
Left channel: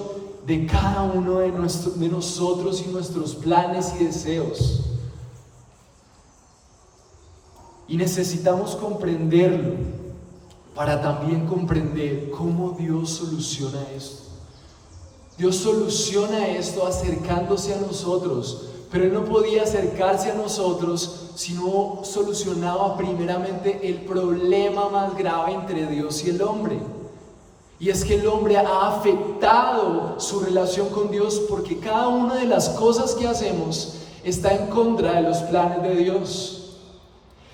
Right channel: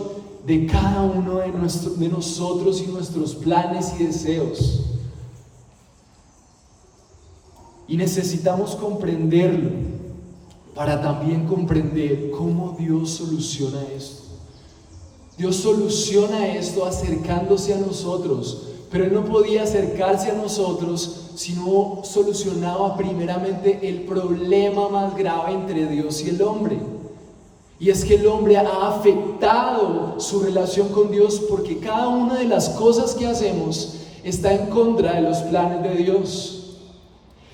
de cada uno de nosotros y nuestros planes y deseos. Y necesitamos comprenderlo para también comprender cómo Dios soluciona esto. Dios soluciona esto acercándose a nosotros, pero Él no podía acercarse a nosotros si no solucionaba primeramente el problema más grave entre Dios y el hombre. Y es que el hombre ha afectado su relación con Dios, porque cada una de las cosas que hacemos está en contra de los planes de Dios.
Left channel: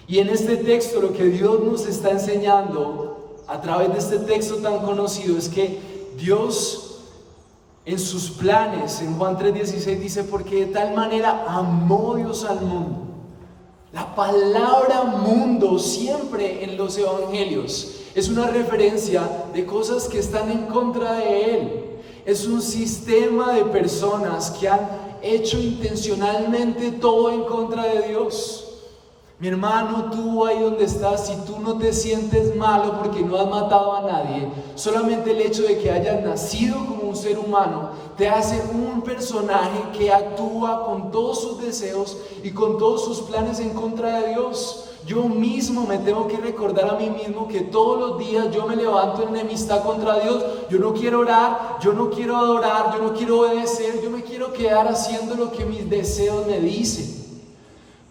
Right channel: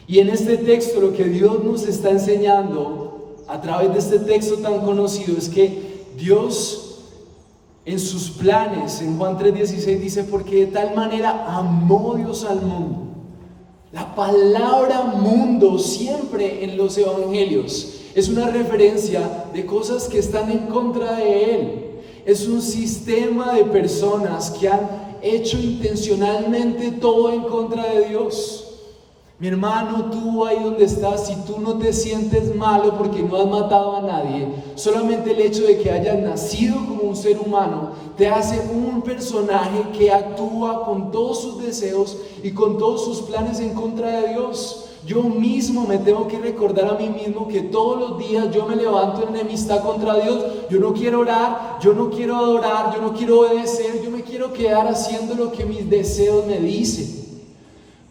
Y en este texto lo que Dios nos está enseñando a través de este texto tan conocido es que Dios, en sus planes, en Juan 3:16 dice: porque de tal manera amó Dios al mundo. La palabra mundo siempre en los evangelios es una referencia de cosas que están en contra de Él. Es un sistema de personas que han hecho intencionalmente todo en contra de Dios. Mi hermano, tú ahí donde estás, si tú no te sientes malo porque no has matado a nadie, solamente el hecho de que hayas nacido como un ser humano te hace un personaje que actúa con todos sus deseos y con todos sus planes en contra de Dios. Yo mismo me tengo que recordar a mí mismo que todos los días yo me levanto en enemistad contra Dios. Yo no quiero orar, yo no quiero adorar, yo no quiero obedecer, yo me quiero quedar haciendo lo que mis deseos me dicen.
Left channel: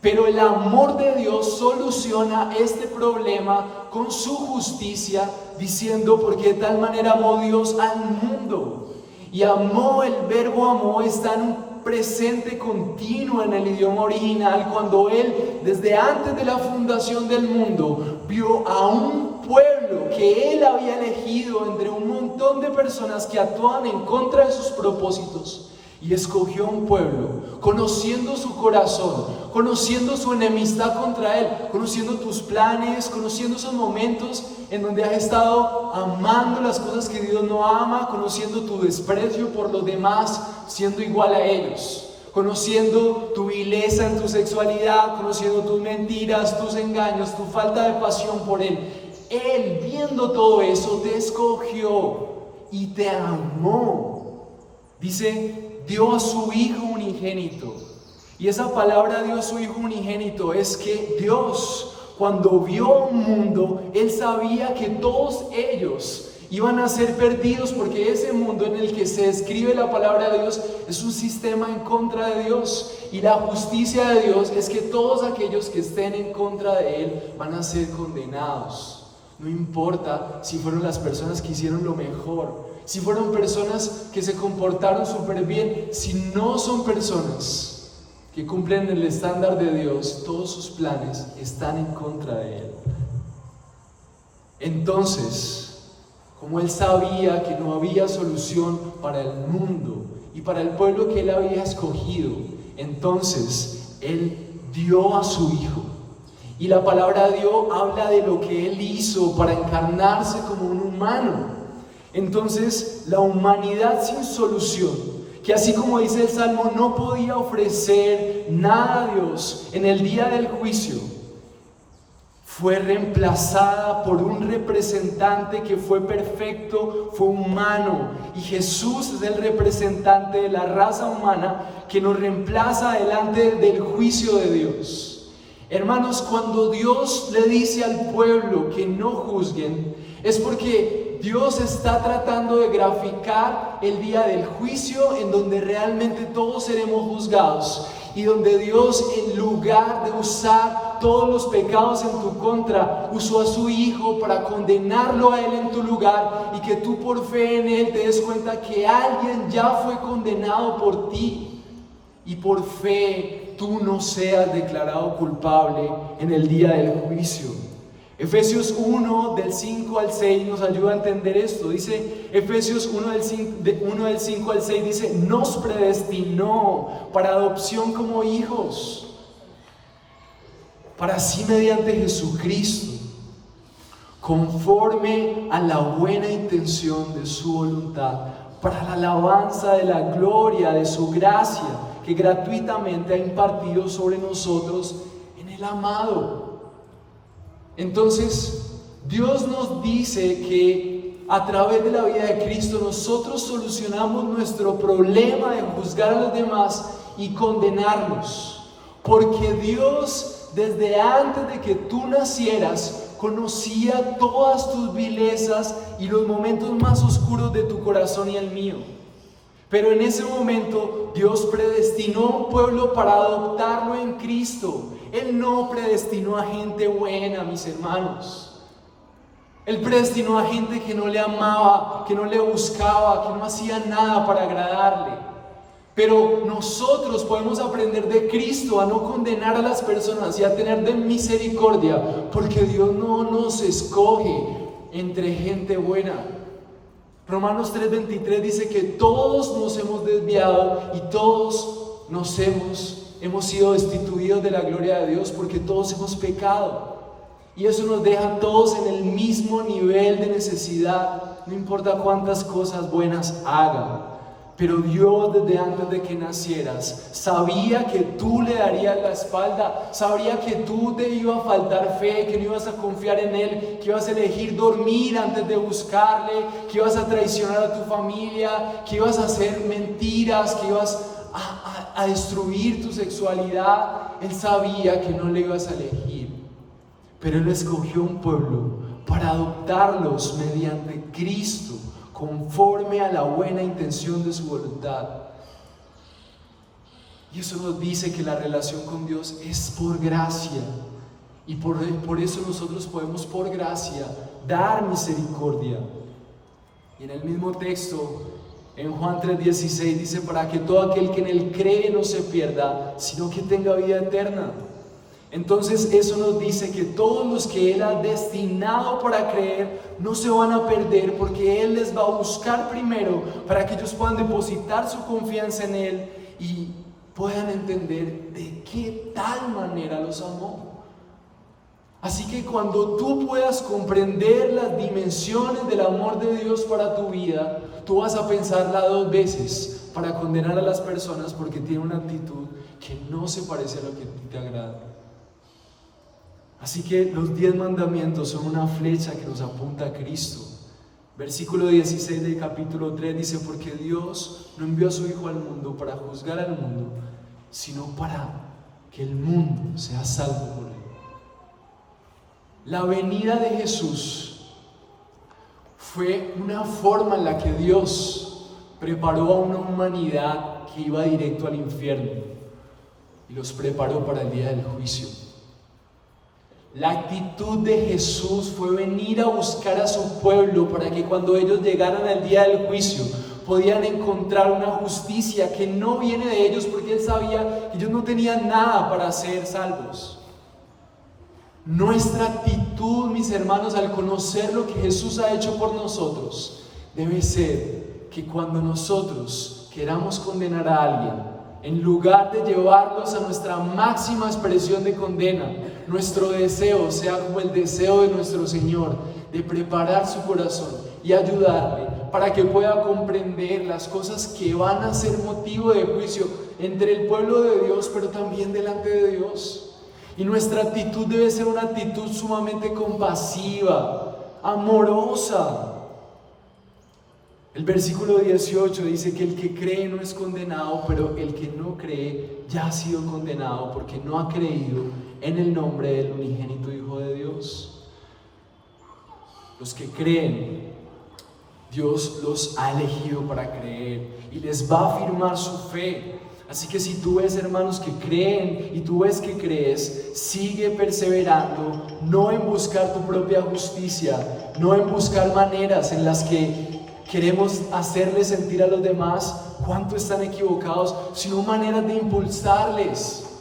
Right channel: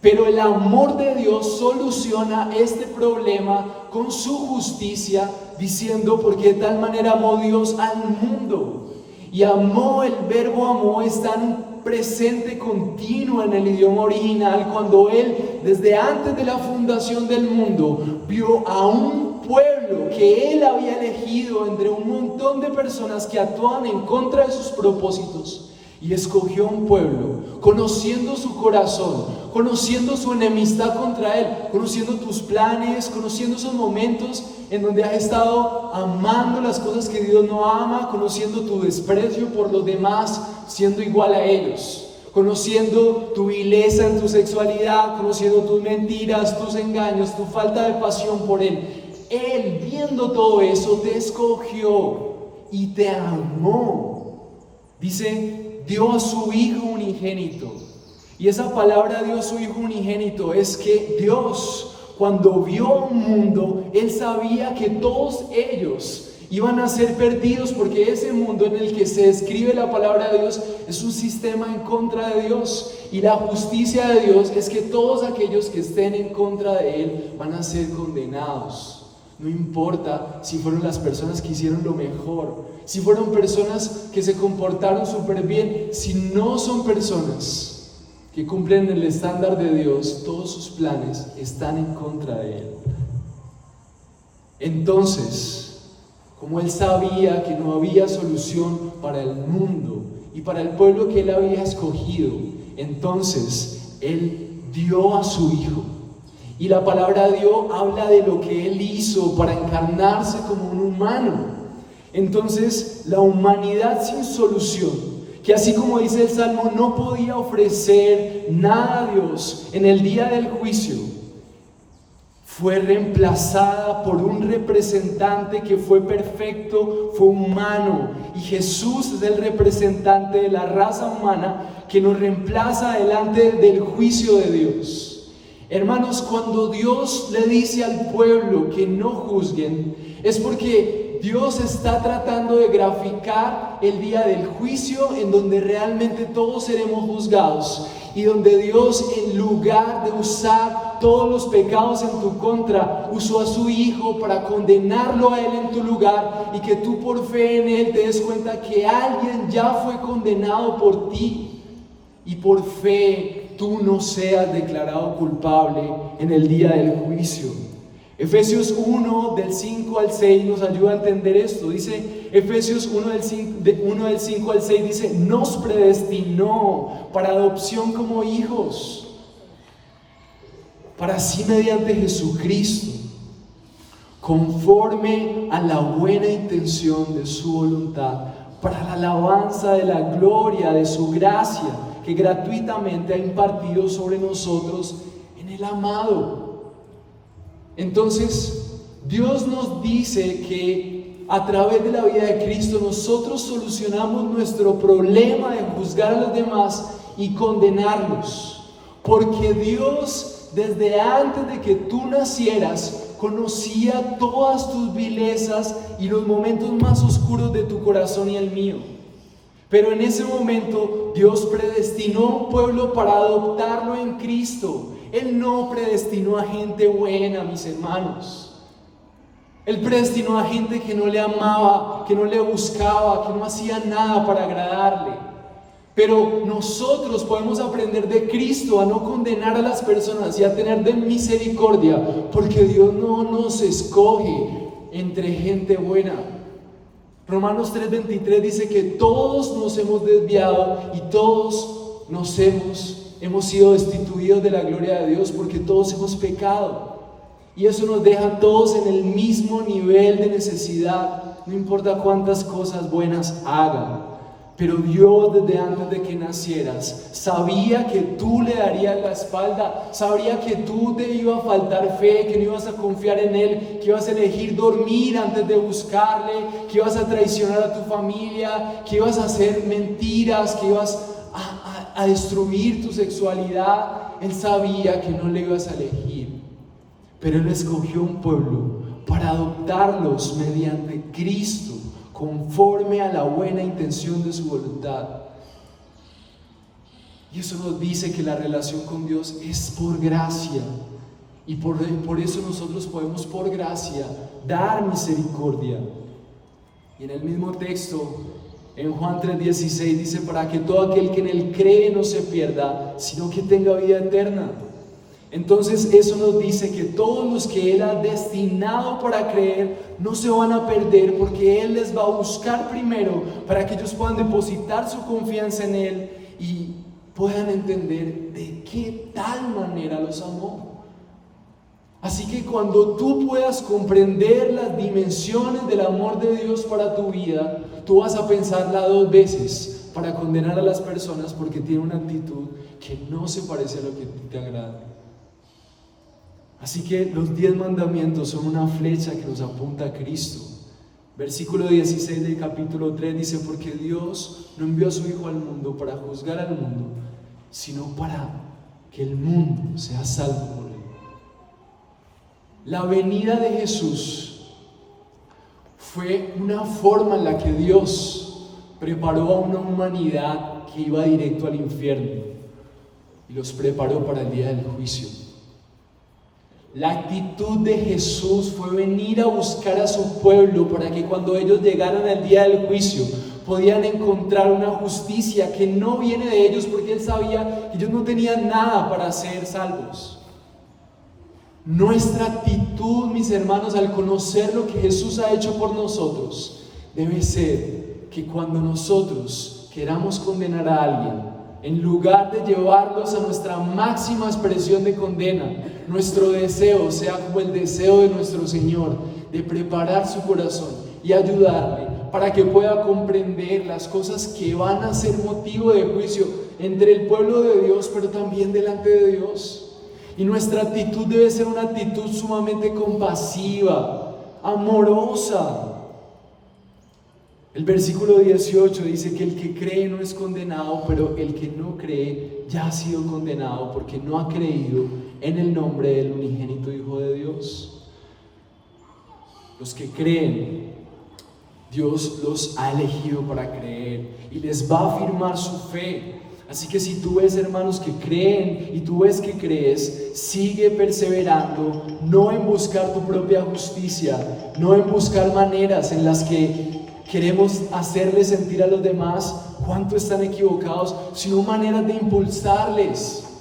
Pero el amor de Dios soluciona este problema con su justicia, diciendo: porque de tal manera amó Dios al mundo. Y amó, el verbo amó está en un presente continuo en el idioma original, cuando Él, desde antes de la fundación del mundo, vio a un pueblo que Él había elegido entre un montón de personas que actuaban en contra de sus propósitos. Y escogió un pueblo, conociendo su corazón, conociendo su enemistad contra Él, conociendo tus planes, conociendo esos momentos en donde has estado amando las cosas que Dios no ama, conociendo tu desprecio por los demás, siendo igual a ellos, conociendo tu vileza en tu sexualidad, conociendo tus mentiras, tus engaños, tu falta de pasión por Él. Él, viendo todo eso, te escogió y te amó. Dice: dio a su Hijo unigénito. Y esa palabra dio a su Hijo unigénito es que Dios, cuando vio un mundo, Él sabía que todos ellos iban a ser perdidos, porque ese mundo en el que se escribe la palabra de Dios es un sistema en contra de Dios. Y la justicia de Dios es que todos aquellos que estén en contra de Él van a ser condenados. No importa si fueron las personas que hicieron lo mejor, si fueron personas que se comportaron súper bien, si no son personas que cumplen el estándar de Dios, todos sus planes están en contra de Él. Entonces, como Él sabía que no había solución para el mundo y para el pueblo que Él había escogido, entonces Él dio a su Hijo. Y la palabra Dios habla de lo que Él hizo para encarnarse como un humano. Entonces, la humanidad sin solución, que así como dice el Salmo, no podía ofrecer nada a Dios en el día del juicio, fue reemplazada por un representante que fue perfecto, fue humano. Y Jesús es el representante de la raza humana que nos reemplaza delante del juicio de Dios. Hermanos, cuando Dios le dice al pueblo que no juzguen, es porque Dios está tratando de graficar el día del juicio, en donde realmente todos seremos juzgados, y donde Dios, en lugar de usar todos los pecados en tu contra, usó a su Hijo para condenarlo a Él en tu lugar, y que tú por fe en Él te des cuenta que alguien ya fue condenado por ti, y por fe tú no seas declarado culpable en el día del juicio. Efesios 1 del 5 al 6 nos ayuda a entender esto. Dice Efesios 1 del 5 al 6, dice: nos predestinó para adopción como hijos, para así mediante Jesucristo, conforme a la buena intención de su voluntad, para la alabanza de la gloria de su gracia, que gratuitamente ha impartido sobre nosotros en el amado. Entonces, Dios nos dice que a través de la vida de Cristo nosotros solucionamos nuestro problema de juzgar a los demás y condenarlos, porque Dios, desde antes de que tú nacieras, conocía todas tus vilezas y los momentos más oscuros de tu corazón y el mío. Pero en ese momento Dios predestinó un pueblo para adoptarlo en Cristo. Él no predestinó a gente buena, mis hermanos. Él predestinó a gente que no le amaba, que no le buscaba, que no hacía nada para agradarle. Pero nosotros podemos aprender de Cristo a no condenar a las personas y a tener de misericordia, porque Dios no nos escoge entre gente buena. Romanos 3:23 dice que todos nos hemos desviado y todos hemos sido destituidos de la gloria de Dios, porque todos hemos pecado. Y eso nos deja a todos en el mismo nivel de necesidad, no importa cuántas cosas buenas hagan. Pero Dios, desde antes de que nacieras, sabía que tú le darías la espalda, sabía que tú te iba a faltar fe, que no ibas a confiar en Él, que ibas a elegir dormir antes de buscarle, que ibas a traicionar a tu familia, que ibas a hacer mentiras, que ibas a destruir tu sexualidad. Él sabía que no le ibas a elegir, pero Él escogió un pueblo para adoptarlos mediante Cristo, conforme a la buena intención de su voluntad. Y eso nos dice que la relación con Dios es por gracia, y por eso nosotros podemos por gracia dar misericordia. Y en el mismo texto, en Juan 3:16 dice: para que todo aquel que en Él cree no se pierda, sino que tenga vida eterna. Entonces eso nos dice que todos los que Él ha destinado para creer no se van a perder, porque Él les va a buscar primero para que ellos puedan depositar su confianza en Él y puedan entender de qué tal manera los amó. Así que cuando tú puedas comprender las dimensiones del amor de Dios para tu vida, tú vas a pensarla dos veces para condenar a las personas porque tienen una actitud que no se parece a lo que a ti te agrada. Así que los 10 mandamientos son una flecha que nos apunta a Cristo. Versículo 16 del capítulo 3 dice: porque Dios no envió a su Hijo al mundo para juzgar al mundo, sino para que el mundo sea salvo por Él. La venida de Jesús fue una forma en la que Dios preparó a una humanidad que iba directo al infierno y los preparó para el día del juicio. La actitud de Jesús fue venir a buscar a su pueblo para que cuando ellos llegaran al día del juicio podían encontrar una justicia que no viene de ellos, porque Él sabía que ellos no tenían nada para ser salvos. Nuestra actitud, mis hermanos, al conocer lo que Jesús ha hecho por nosotros, debe ser que cuando nosotros queramos condenar a alguien, en lugar de llevarlos a nuestra máxima expresión de condena, nuestro deseo sea como el deseo de nuestro Señor, de preparar su corazón y ayudarle para que pueda comprender las cosas que van a ser motivo de juicio entre el pueblo de Dios, pero también delante de Dios. Y nuestra actitud debe ser una actitud sumamente compasiva, amorosa. El versículo 18 dice que el que cree no es condenado, pero el que no cree ya ha sido condenado porque no ha creído en el nombre del unigénito Hijo de Dios. Los que creen, Dios los ha elegido para creer y les va a afirmar su fe. Así que si tú ves hermanos que creen y tú ves que crees, sigue perseverando, no en buscar tu propia justicia, no en buscar maneras en las que queremos hacerles sentir a los demás cuánto están equivocados, sino maneras de impulsarles,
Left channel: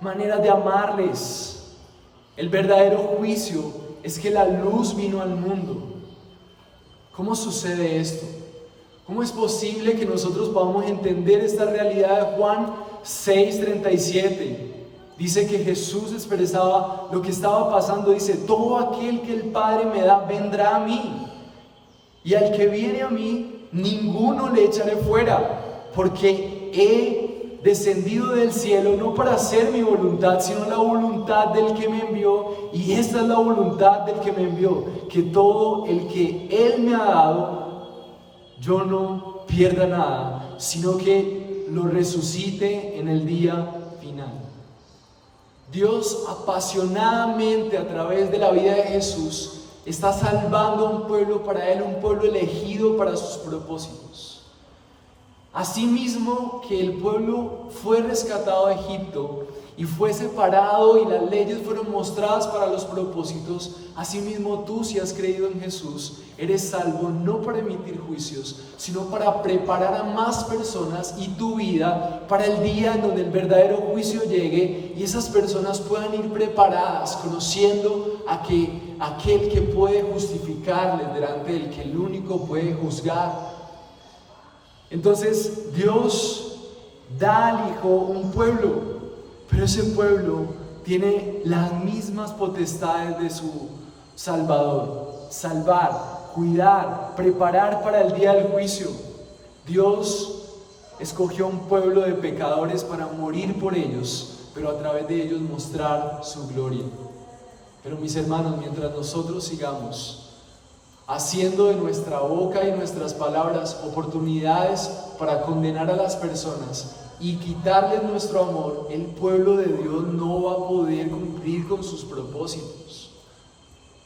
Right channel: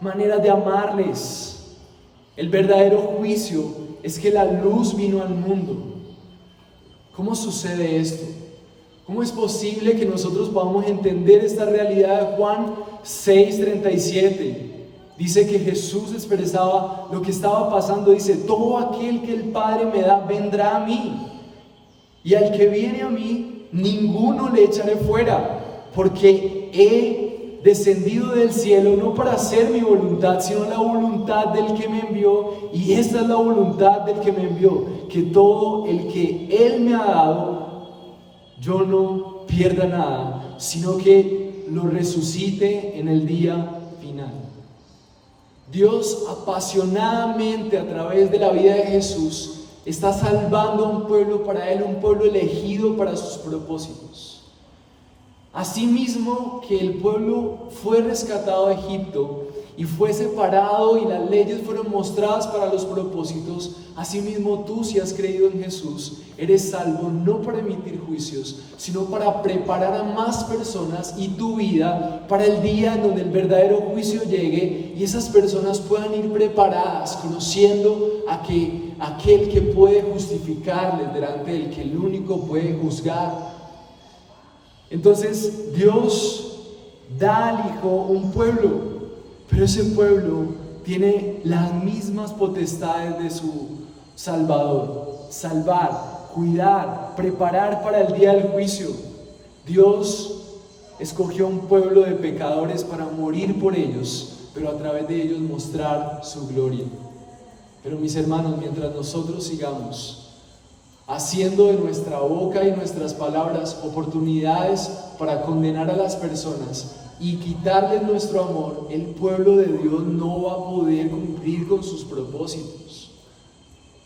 maneras de amarles. El verdadero juicio es que la luz vino al mundo. ¿Cómo sucede esto? ¿Cómo es posible que nosotros podamos entender esta realidad de Juan 6:37? Dice que Jesús expresaba lo que estaba pasando. Dice: todo aquel que el Padre me da vendrá a mí, y al que viene a mí ninguno le echaré fuera, porque he descendido del cielo no para hacer mi voluntad, sino la voluntad del que me envió. Y esta es la voluntad del que me envió, que todo el que Él me ha dado, yo no pierda nada, sino que lo resucite en el día final. Dios apasionadamente, a través de la vida de Jesús, está salvando a un pueblo para Él, un pueblo elegido para sus propósitos. Asimismo que el pueblo fue rescatado de Egipto y fue separado y las leyes fueron mostradas para los propósitos, asimismo tú, si has creído en Jesús, eres salvo no para emitir juicios, sino para preparar a más personas y tu vida para el día en donde el verdadero juicio llegue y esas personas puedan ir preparadas, conociendo a que aquel que puede justificarles delante del que el único puede juzgar. Entonces Dios da al Hijo un pueblo, pero ese pueblo tiene las mismas potestades de su Salvador: salvar, cuidar, preparar para el día del juicio. Dios escogió un pueblo de pecadores para morir por ellos, pero a través de ellos mostrar su gloria. Pero mis hermanos, mientras nosotros sigamos haciendo de nuestra boca y nuestras palabras oportunidades para condenar a las personas y quitarles nuestro amor, el pueblo de Dios no va a poder cumplir con sus propósitos.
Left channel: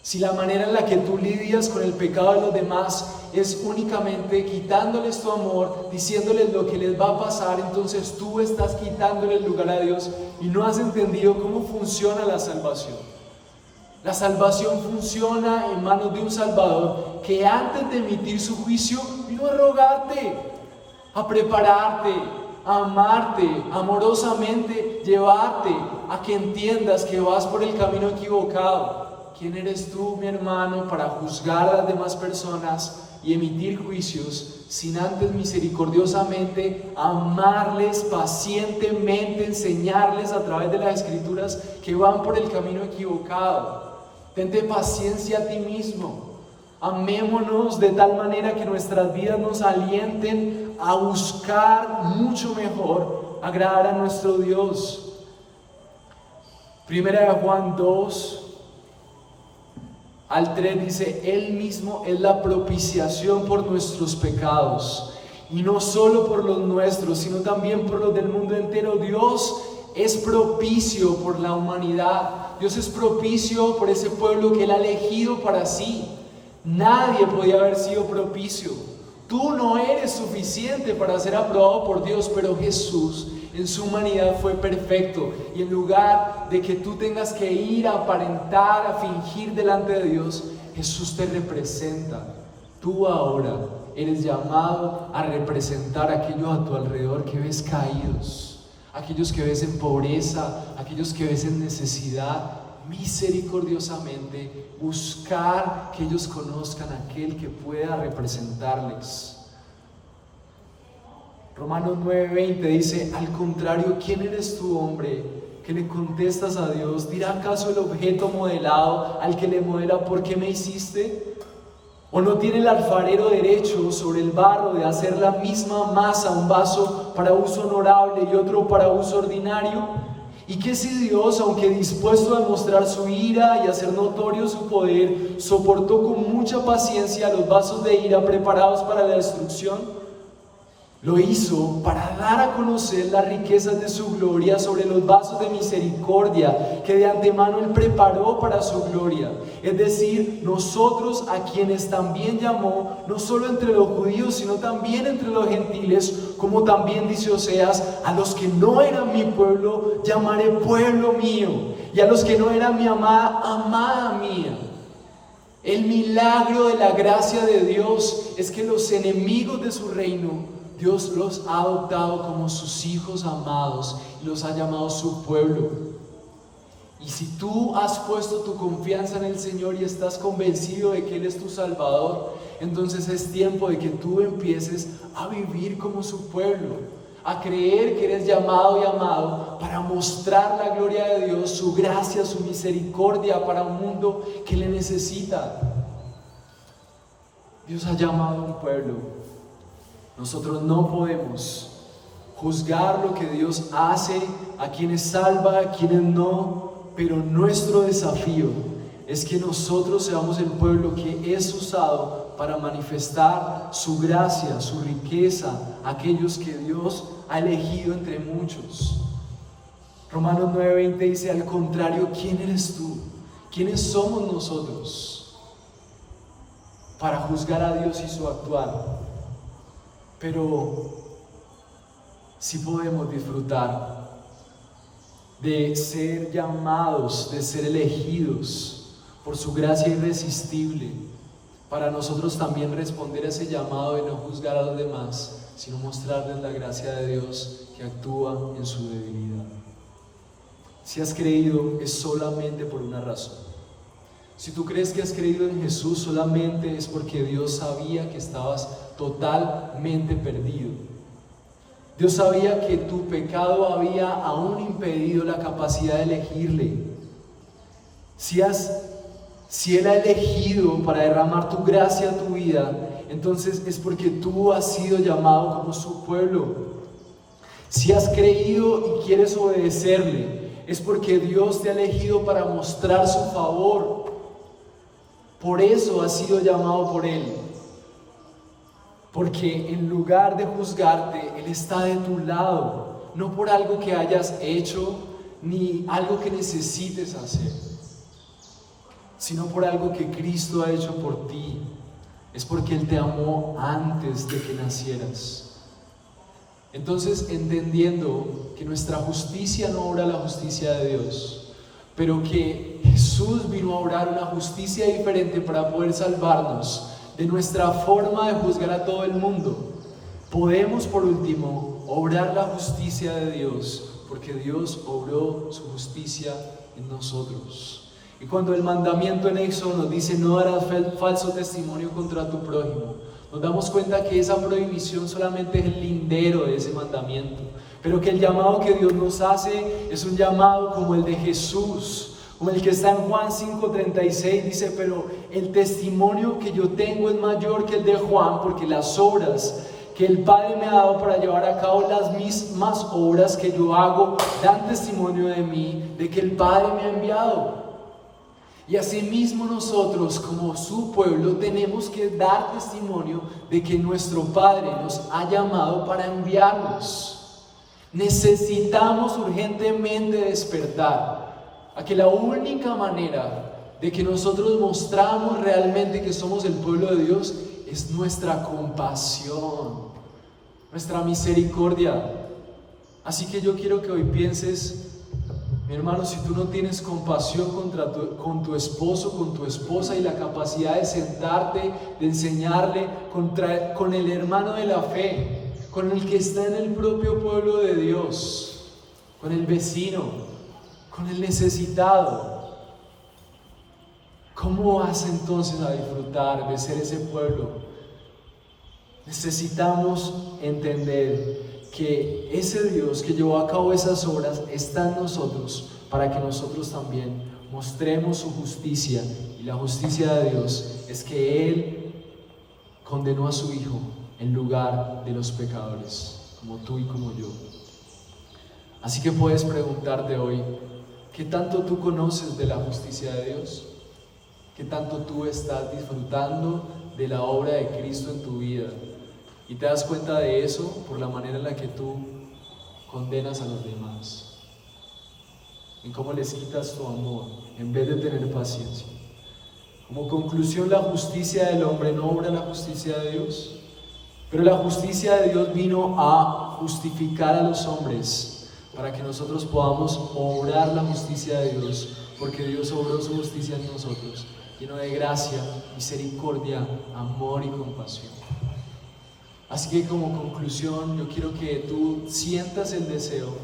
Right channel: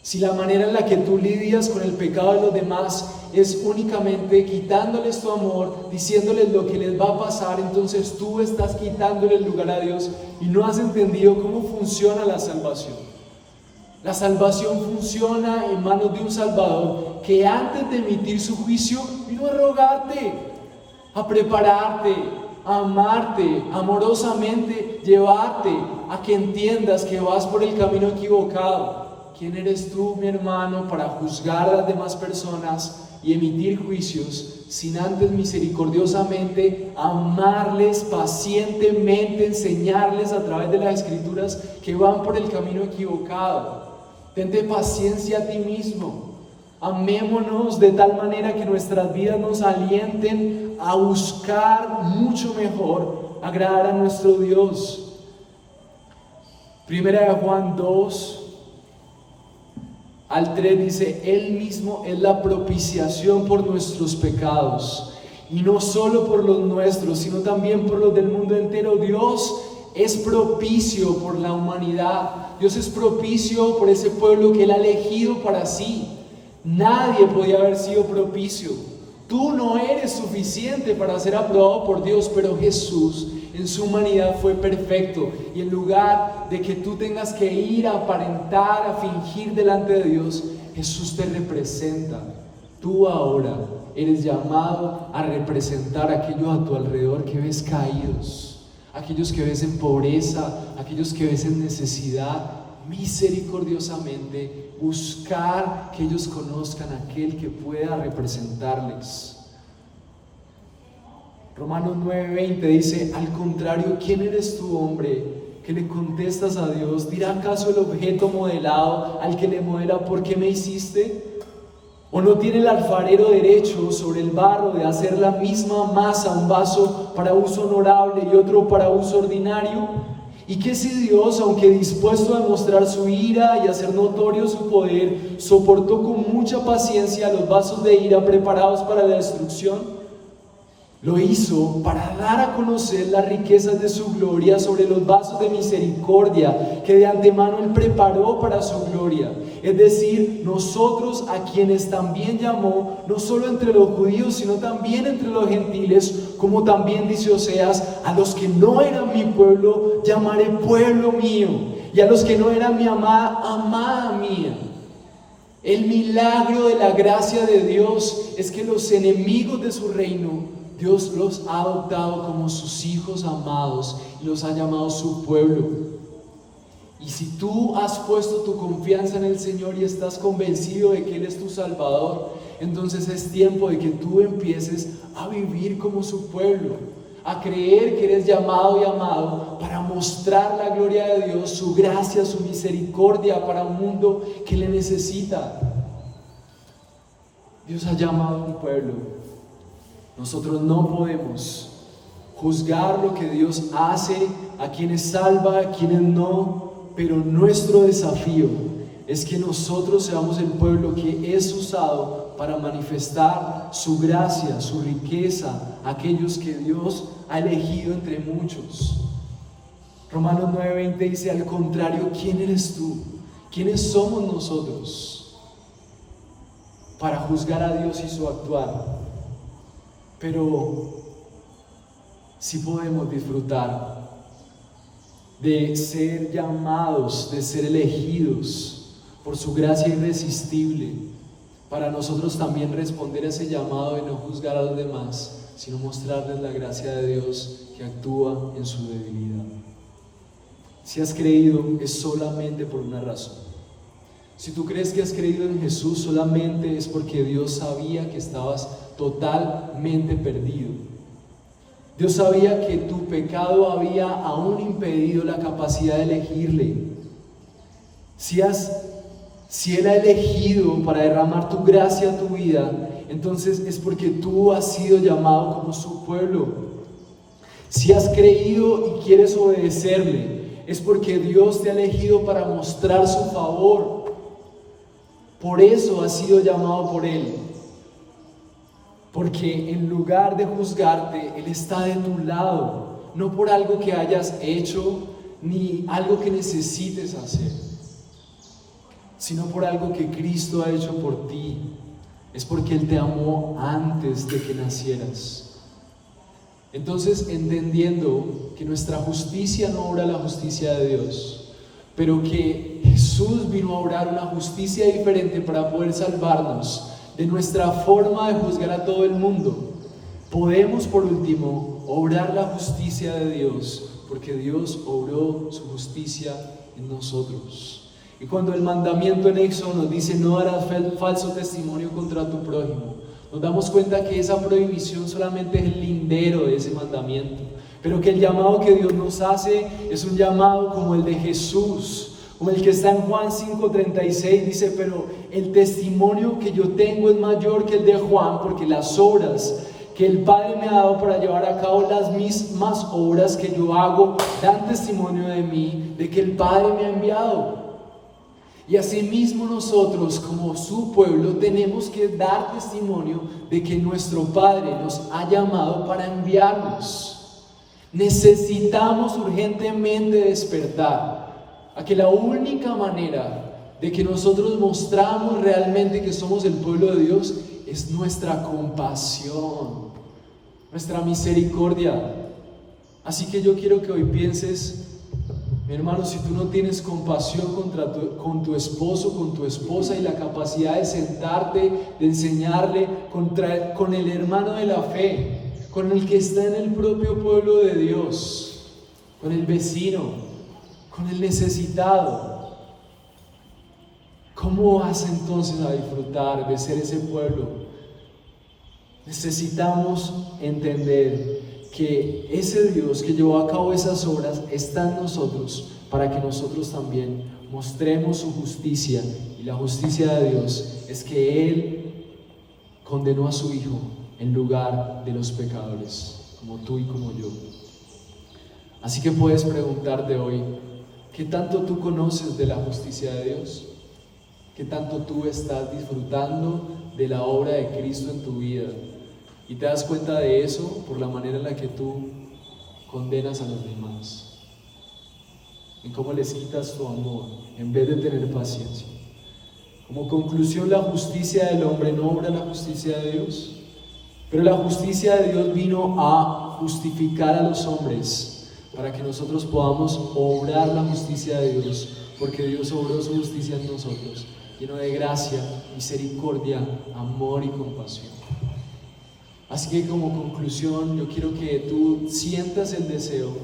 Si la manera en la que tú lidias con el pecado de los demás es únicamente quitándoles tu amor, diciéndoles lo que les va a pasar, entonces tú estás quitándole el lugar a Dios y no has entendido cómo funciona la salvación. La salvación funciona en manos de un Salvador que antes de emitir su juicio vino a rogarte, a prepararte, a amarte, amorosamente llevarte a que entiendas que vas por el camino equivocado. ¿Quién eres tú, mi hermano, para juzgar a las demás personas y emitir juicios sin antes misericordiosamente amarles pacientemente, enseñarles a través de las Escrituras que van por el camino equivocado? Tente paciencia a ti mismo. Amémonos de tal manera que nuestras vidas nos alienten a buscar mucho mejor agradar a nuestro Dios. Primera de Juan 2 al 3 dice: Él mismo es la propiciación por nuestros pecados, y no solo por los nuestros, sino también por los del mundo entero. Dios es propicio por la humanidad. Dios es propicio por ese pueblo que Él ha elegido para sí. Nadie podía haber sido propicio. Tú no eres suficiente para ser aprobado por Dios, pero Jesús en su humanidad fue perfecto. Y en lugar de que tú tengas que ir a aparentar, a fingir delante de Dios, Jesús te representa. Tú ahora eres llamado a representar a aquellos a tu alrededor que ves caídos, aquellos que ves en pobreza, aquellos que ves en necesidad. Misericordiosamente buscar que ellos conozcan a aquel que pueda representarles. Romanos 9:20 dice: al contrario, ¿quién eres tú, hombre, que le contestas a Dios? ¿Dirá acaso el objeto modelado al que le modela: ¿por qué me hiciste? ¿O no tiene el alfarero derecho sobre el barro de hacer la misma masa, un vaso para uso honorable y otro para uso ordinario? ¿Y qué si Dios, aunque dispuesto a demostrar su ira y hacer notorio su poder, soportó con mucha paciencia los vasos de ira preparados para la destrucción? Lo hizo para dar a conocer las riquezas de su gloria sobre los vasos de misericordia que de antemano Él preparó para su gloria. Es decir, nosotros, a quienes también llamó, no solo entre los judíos, sino también entre los gentiles, como también dice Oseas: a los que no eran mi pueblo, llamaré pueblo mío, y a los que no eran mi amada, amada mía. El milagro de la gracia de Dios es que los enemigos de su reino, Dios los ha adoptado como sus hijos amados y los ha llamado su pueblo. Y si tú has puesto tu confianza en el Señor y estás convencido de que Él es tu Salvador, entonces es tiempo de que tú empieces a vivir como su pueblo, a creer que eres llamado y amado para mostrar la gloria de Dios, su gracia, su misericordia para un mundo que le necesita. Dios ha llamado a un pueblo. Nosotros no podemos juzgar lo que Dios hace, a quienes salva, a quienes no, pero nuestro desafío es que nosotros seamos el pueblo que es usado para manifestar su gracia, su riqueza, a aquellos que Dios ha elegido entre muchos. Romanos 9:20 dice: al contrario, ¿quién eres tú? ¿Quiénes somos nosotros para juzgar a Dios y su actuar? Pero sí podemos disfrutar de ser llamados, de ser elegidos por su gracia irresistible, para nosotros también responder a ese llamado y no juzgar a los demás, sino mostrarles la gracia de Dios que actúa en su debilidad. Si has creído, es solamente por una razón. Si tú crees que has creído en Jesús, solamente es porque Dios sabía que estabas totalmente perdido. Dios sabía que tu pecado había aún impedido la capacidad de elegirle. Si Él ha elegido para derramar tu gracia a tu vida, entonces es porque tú has sido llamado como su pueblo. Si has creído y quieres obedecerle, es porque Dios te ha elegido para mostrar su favor. Por eso has sido llamado por Él. Porque en lugar de juzgarte, Él está de tu lado, no por algo que hayas hecho ni algo que necesites hacer, sino por algo que Cristo ha hecho por ti. Es porque Él te amó antes de que nacieras. Entonces, entendiendo que nuestra justicia no obra la justicia de Dios, pero que Jesús vino a obrar una justicia diferente para poder salvarnos de nuestra forma de juzgar a todo el mundo, podemos por último obrar la justicia de Dios, porque Dios obró su justicia en nosotros. Y cuando el mandamiento en Éxodo nos dice: no darás falso testimonio contra tu prójimo, nos damos cuenta que esa prohibición solamente es el lindero de ese mandamiento, pero que el llamado que Dios nos hace es un llamado como el de Jesús, como el que está en Juan 5:36, dice: pero el testimonio que yo tengo es mayor que el de Juan, porque las obras que el Padre me ha dado para llevar a cabo las mismas obras que yo hago dan testimonio de mí, de que el Padre me ha enviado. Y asimismo nosotros, como su pueblo, tenemos que dar testimonio de que nuestro Padre nos ha llamado para enviarnos. Necesitamos urgentemente despertar a que la única manera de que nosotros mostramos realmente que somos el pueblo de Dios es nuestra compasión, nuestra misericordia. Así que yo quiero que hoy pienses: mi hermano, si tú no tienes compasión con tu esposo, con tu esposa, y la capacidad de sentarte, de enseñarle con el hermano de la fe, con el que está en el propio pueblo de Dios, con el vecino, con el necesitado, ¿cómo vas entonces a disfrutar de ser ese pueblo? Necesitamos entender que ese Dios que llevó a cabo esas obras está en nosotros para que nosotros también mostremos su justicia. Y la justicia de Dios es que Él condenó a su Hijo en lugar de los pecadores, como tú y como yo. Así que puedes preguntarte hoy, ¿qué tanto tú conoces de la justicia de Dios? ¿Qué tanto tú estás disfrutando de la obra de Cristo en tu vida? Y te das cuenta de eso por la manera en la que tú condenas a los demás, en cómo les quitas tu amor en vez de tener paciencia. Como conclusión, la justicia del hombre no obra la justicia de Dios, pero la justicia de Dios vino a justificar a los hombres para que nosotros podamos obrar la justicia de Dios, porque Dios obró su justicia en nosotros, lleno de gracia, misericordia, amor y compasión. Así que como conclusión, yo quiero que tú sientas el deseo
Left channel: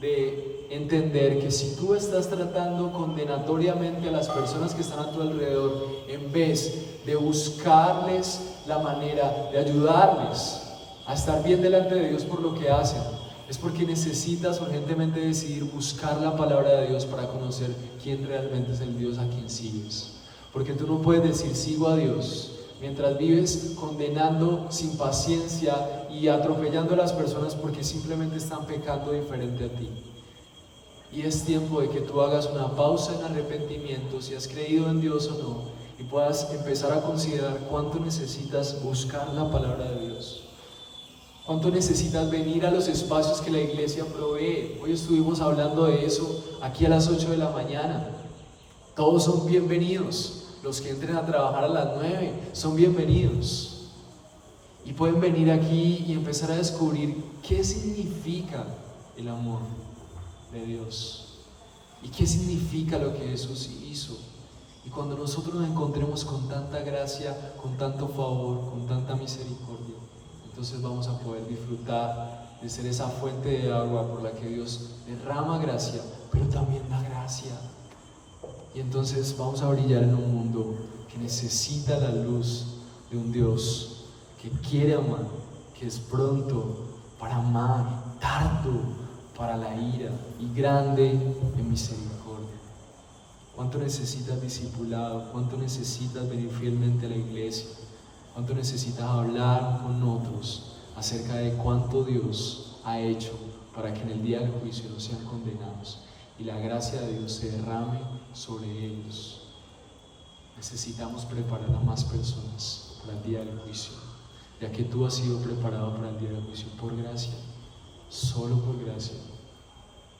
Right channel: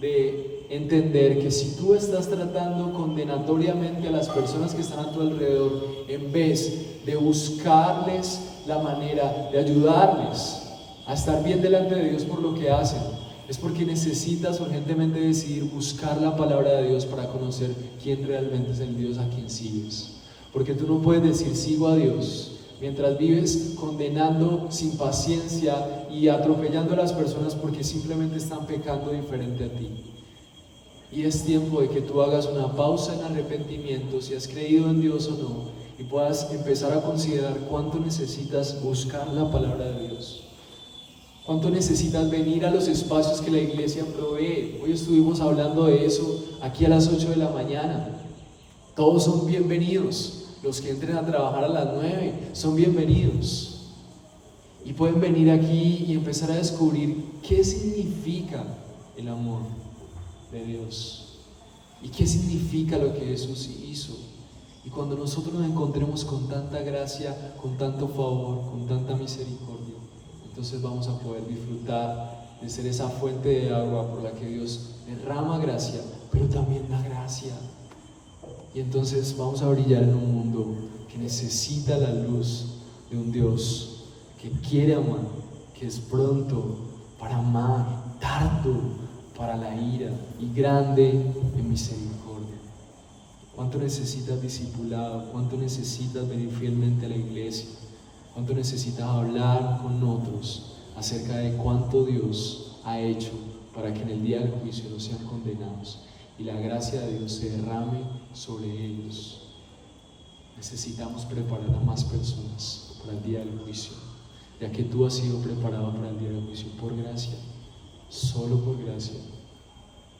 de entender que si tú estás tratando condenatoriamente a las personas que están a tu alrededor, en vez de buscarles la manera de ayudarles a estar bien delante de Dios por lo que hacen, es porque necesitas urgentemente decidir buscar la palabra de Dios para conocer quién realmente es el Dios a quien sigues. Porque tú no puedes decir sigo a Dios mientras vives condenando sin paciencia y atropellando a las personas porque simplemente están pecando diferente a ti. Y es tiempo de que tú hagas una pausa en arrepentimiento, si has creído en Dios o no, y puedas empezar a considerar cuánto necesitas buscar la palabra de Dios. Cuánto necesitas venir a los espacios que la iglesia provee. Hoy estuvimos hablando de eso aquí a las 8 de la mañana. Todos son bienvenidos. Los que entren a trabajar a las 9 son bienvenidos. Y pueden venir aquí y empezar a descubrir qué significa el amor de Dios y qué significa lo que Jesús hizo. Y cuando nosotros nos encontremos con tanta gracia, con tanto favor, con tanta misericordia, entonces vamos a poder disfrutar de ser esa fuente de agua por la que Dios derrama gracia, pero también da gracia. Y entonces vamos a brillar en un mundo que necesita la luz de un Dios que quiere amar, que es pronto para amar, tardo para la ira y grande en misericordia. ¿Cuánto necesitas discipulado? ¿Cuánto necesitas venir fielmente a la iglesia? ¿Cuánto necesitas hablar con otros acerca de cuánto Dios ha hecho para que en el día del juicio no sean condenados y la gracia de Dios se derrame sobre ellos? Necesitamos preparar a más personas para el día del juicio, ya que tú has sido preparado para el día del juicio por gracia, solo por gracia.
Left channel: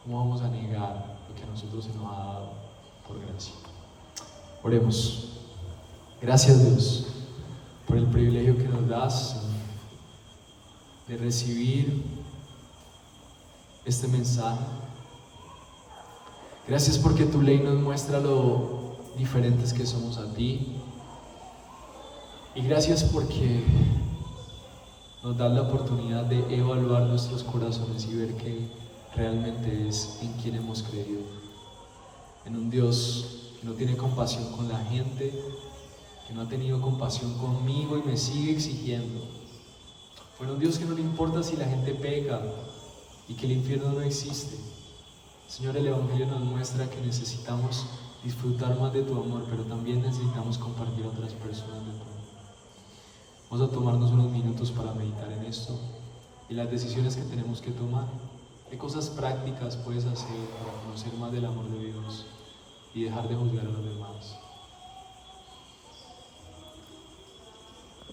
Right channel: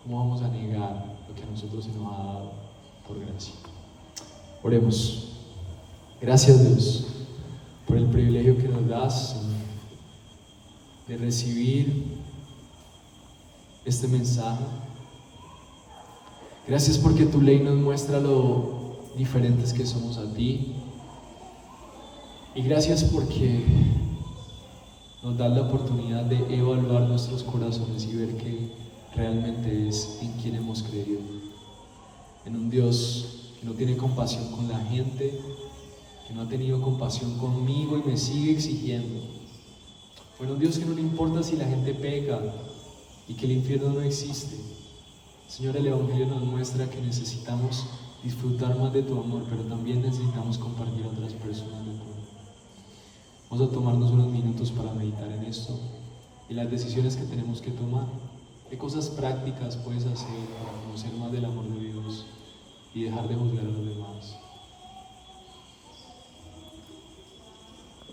¿Cómo vamos a negar lo que a nosotros se nos ha dado por gracia? Oremos. Gracias, Dios, por el privilegio que nos das, Señor, de recibir este mensaje. Gracias porque tu ley nos muestra lo diferentes que somos a ti. Y gracias porque nos das la oportunidad de evaluar nuestros corazones y ver qué realmente es en quien hemos creído. En un Dios que no tiene compasión con la gente, que no ha tenido compasión conmigo y me sigue exigiendo. O en un Dios que no le importa si la gente peca y que el infierno no existe. Señor, el Evangelio nos muestra que necesitamos disfrutar más de tu amor, pero también necesitamos compartir a otras personas de tu amor. Vamos a tomarnos unos minutos para meditar en esto y las decisiones que tenemos que tomar. ¿Qué cosas prácticas puedes hacer para conocer más del amor de Dios y dejar de juzgar a los demás?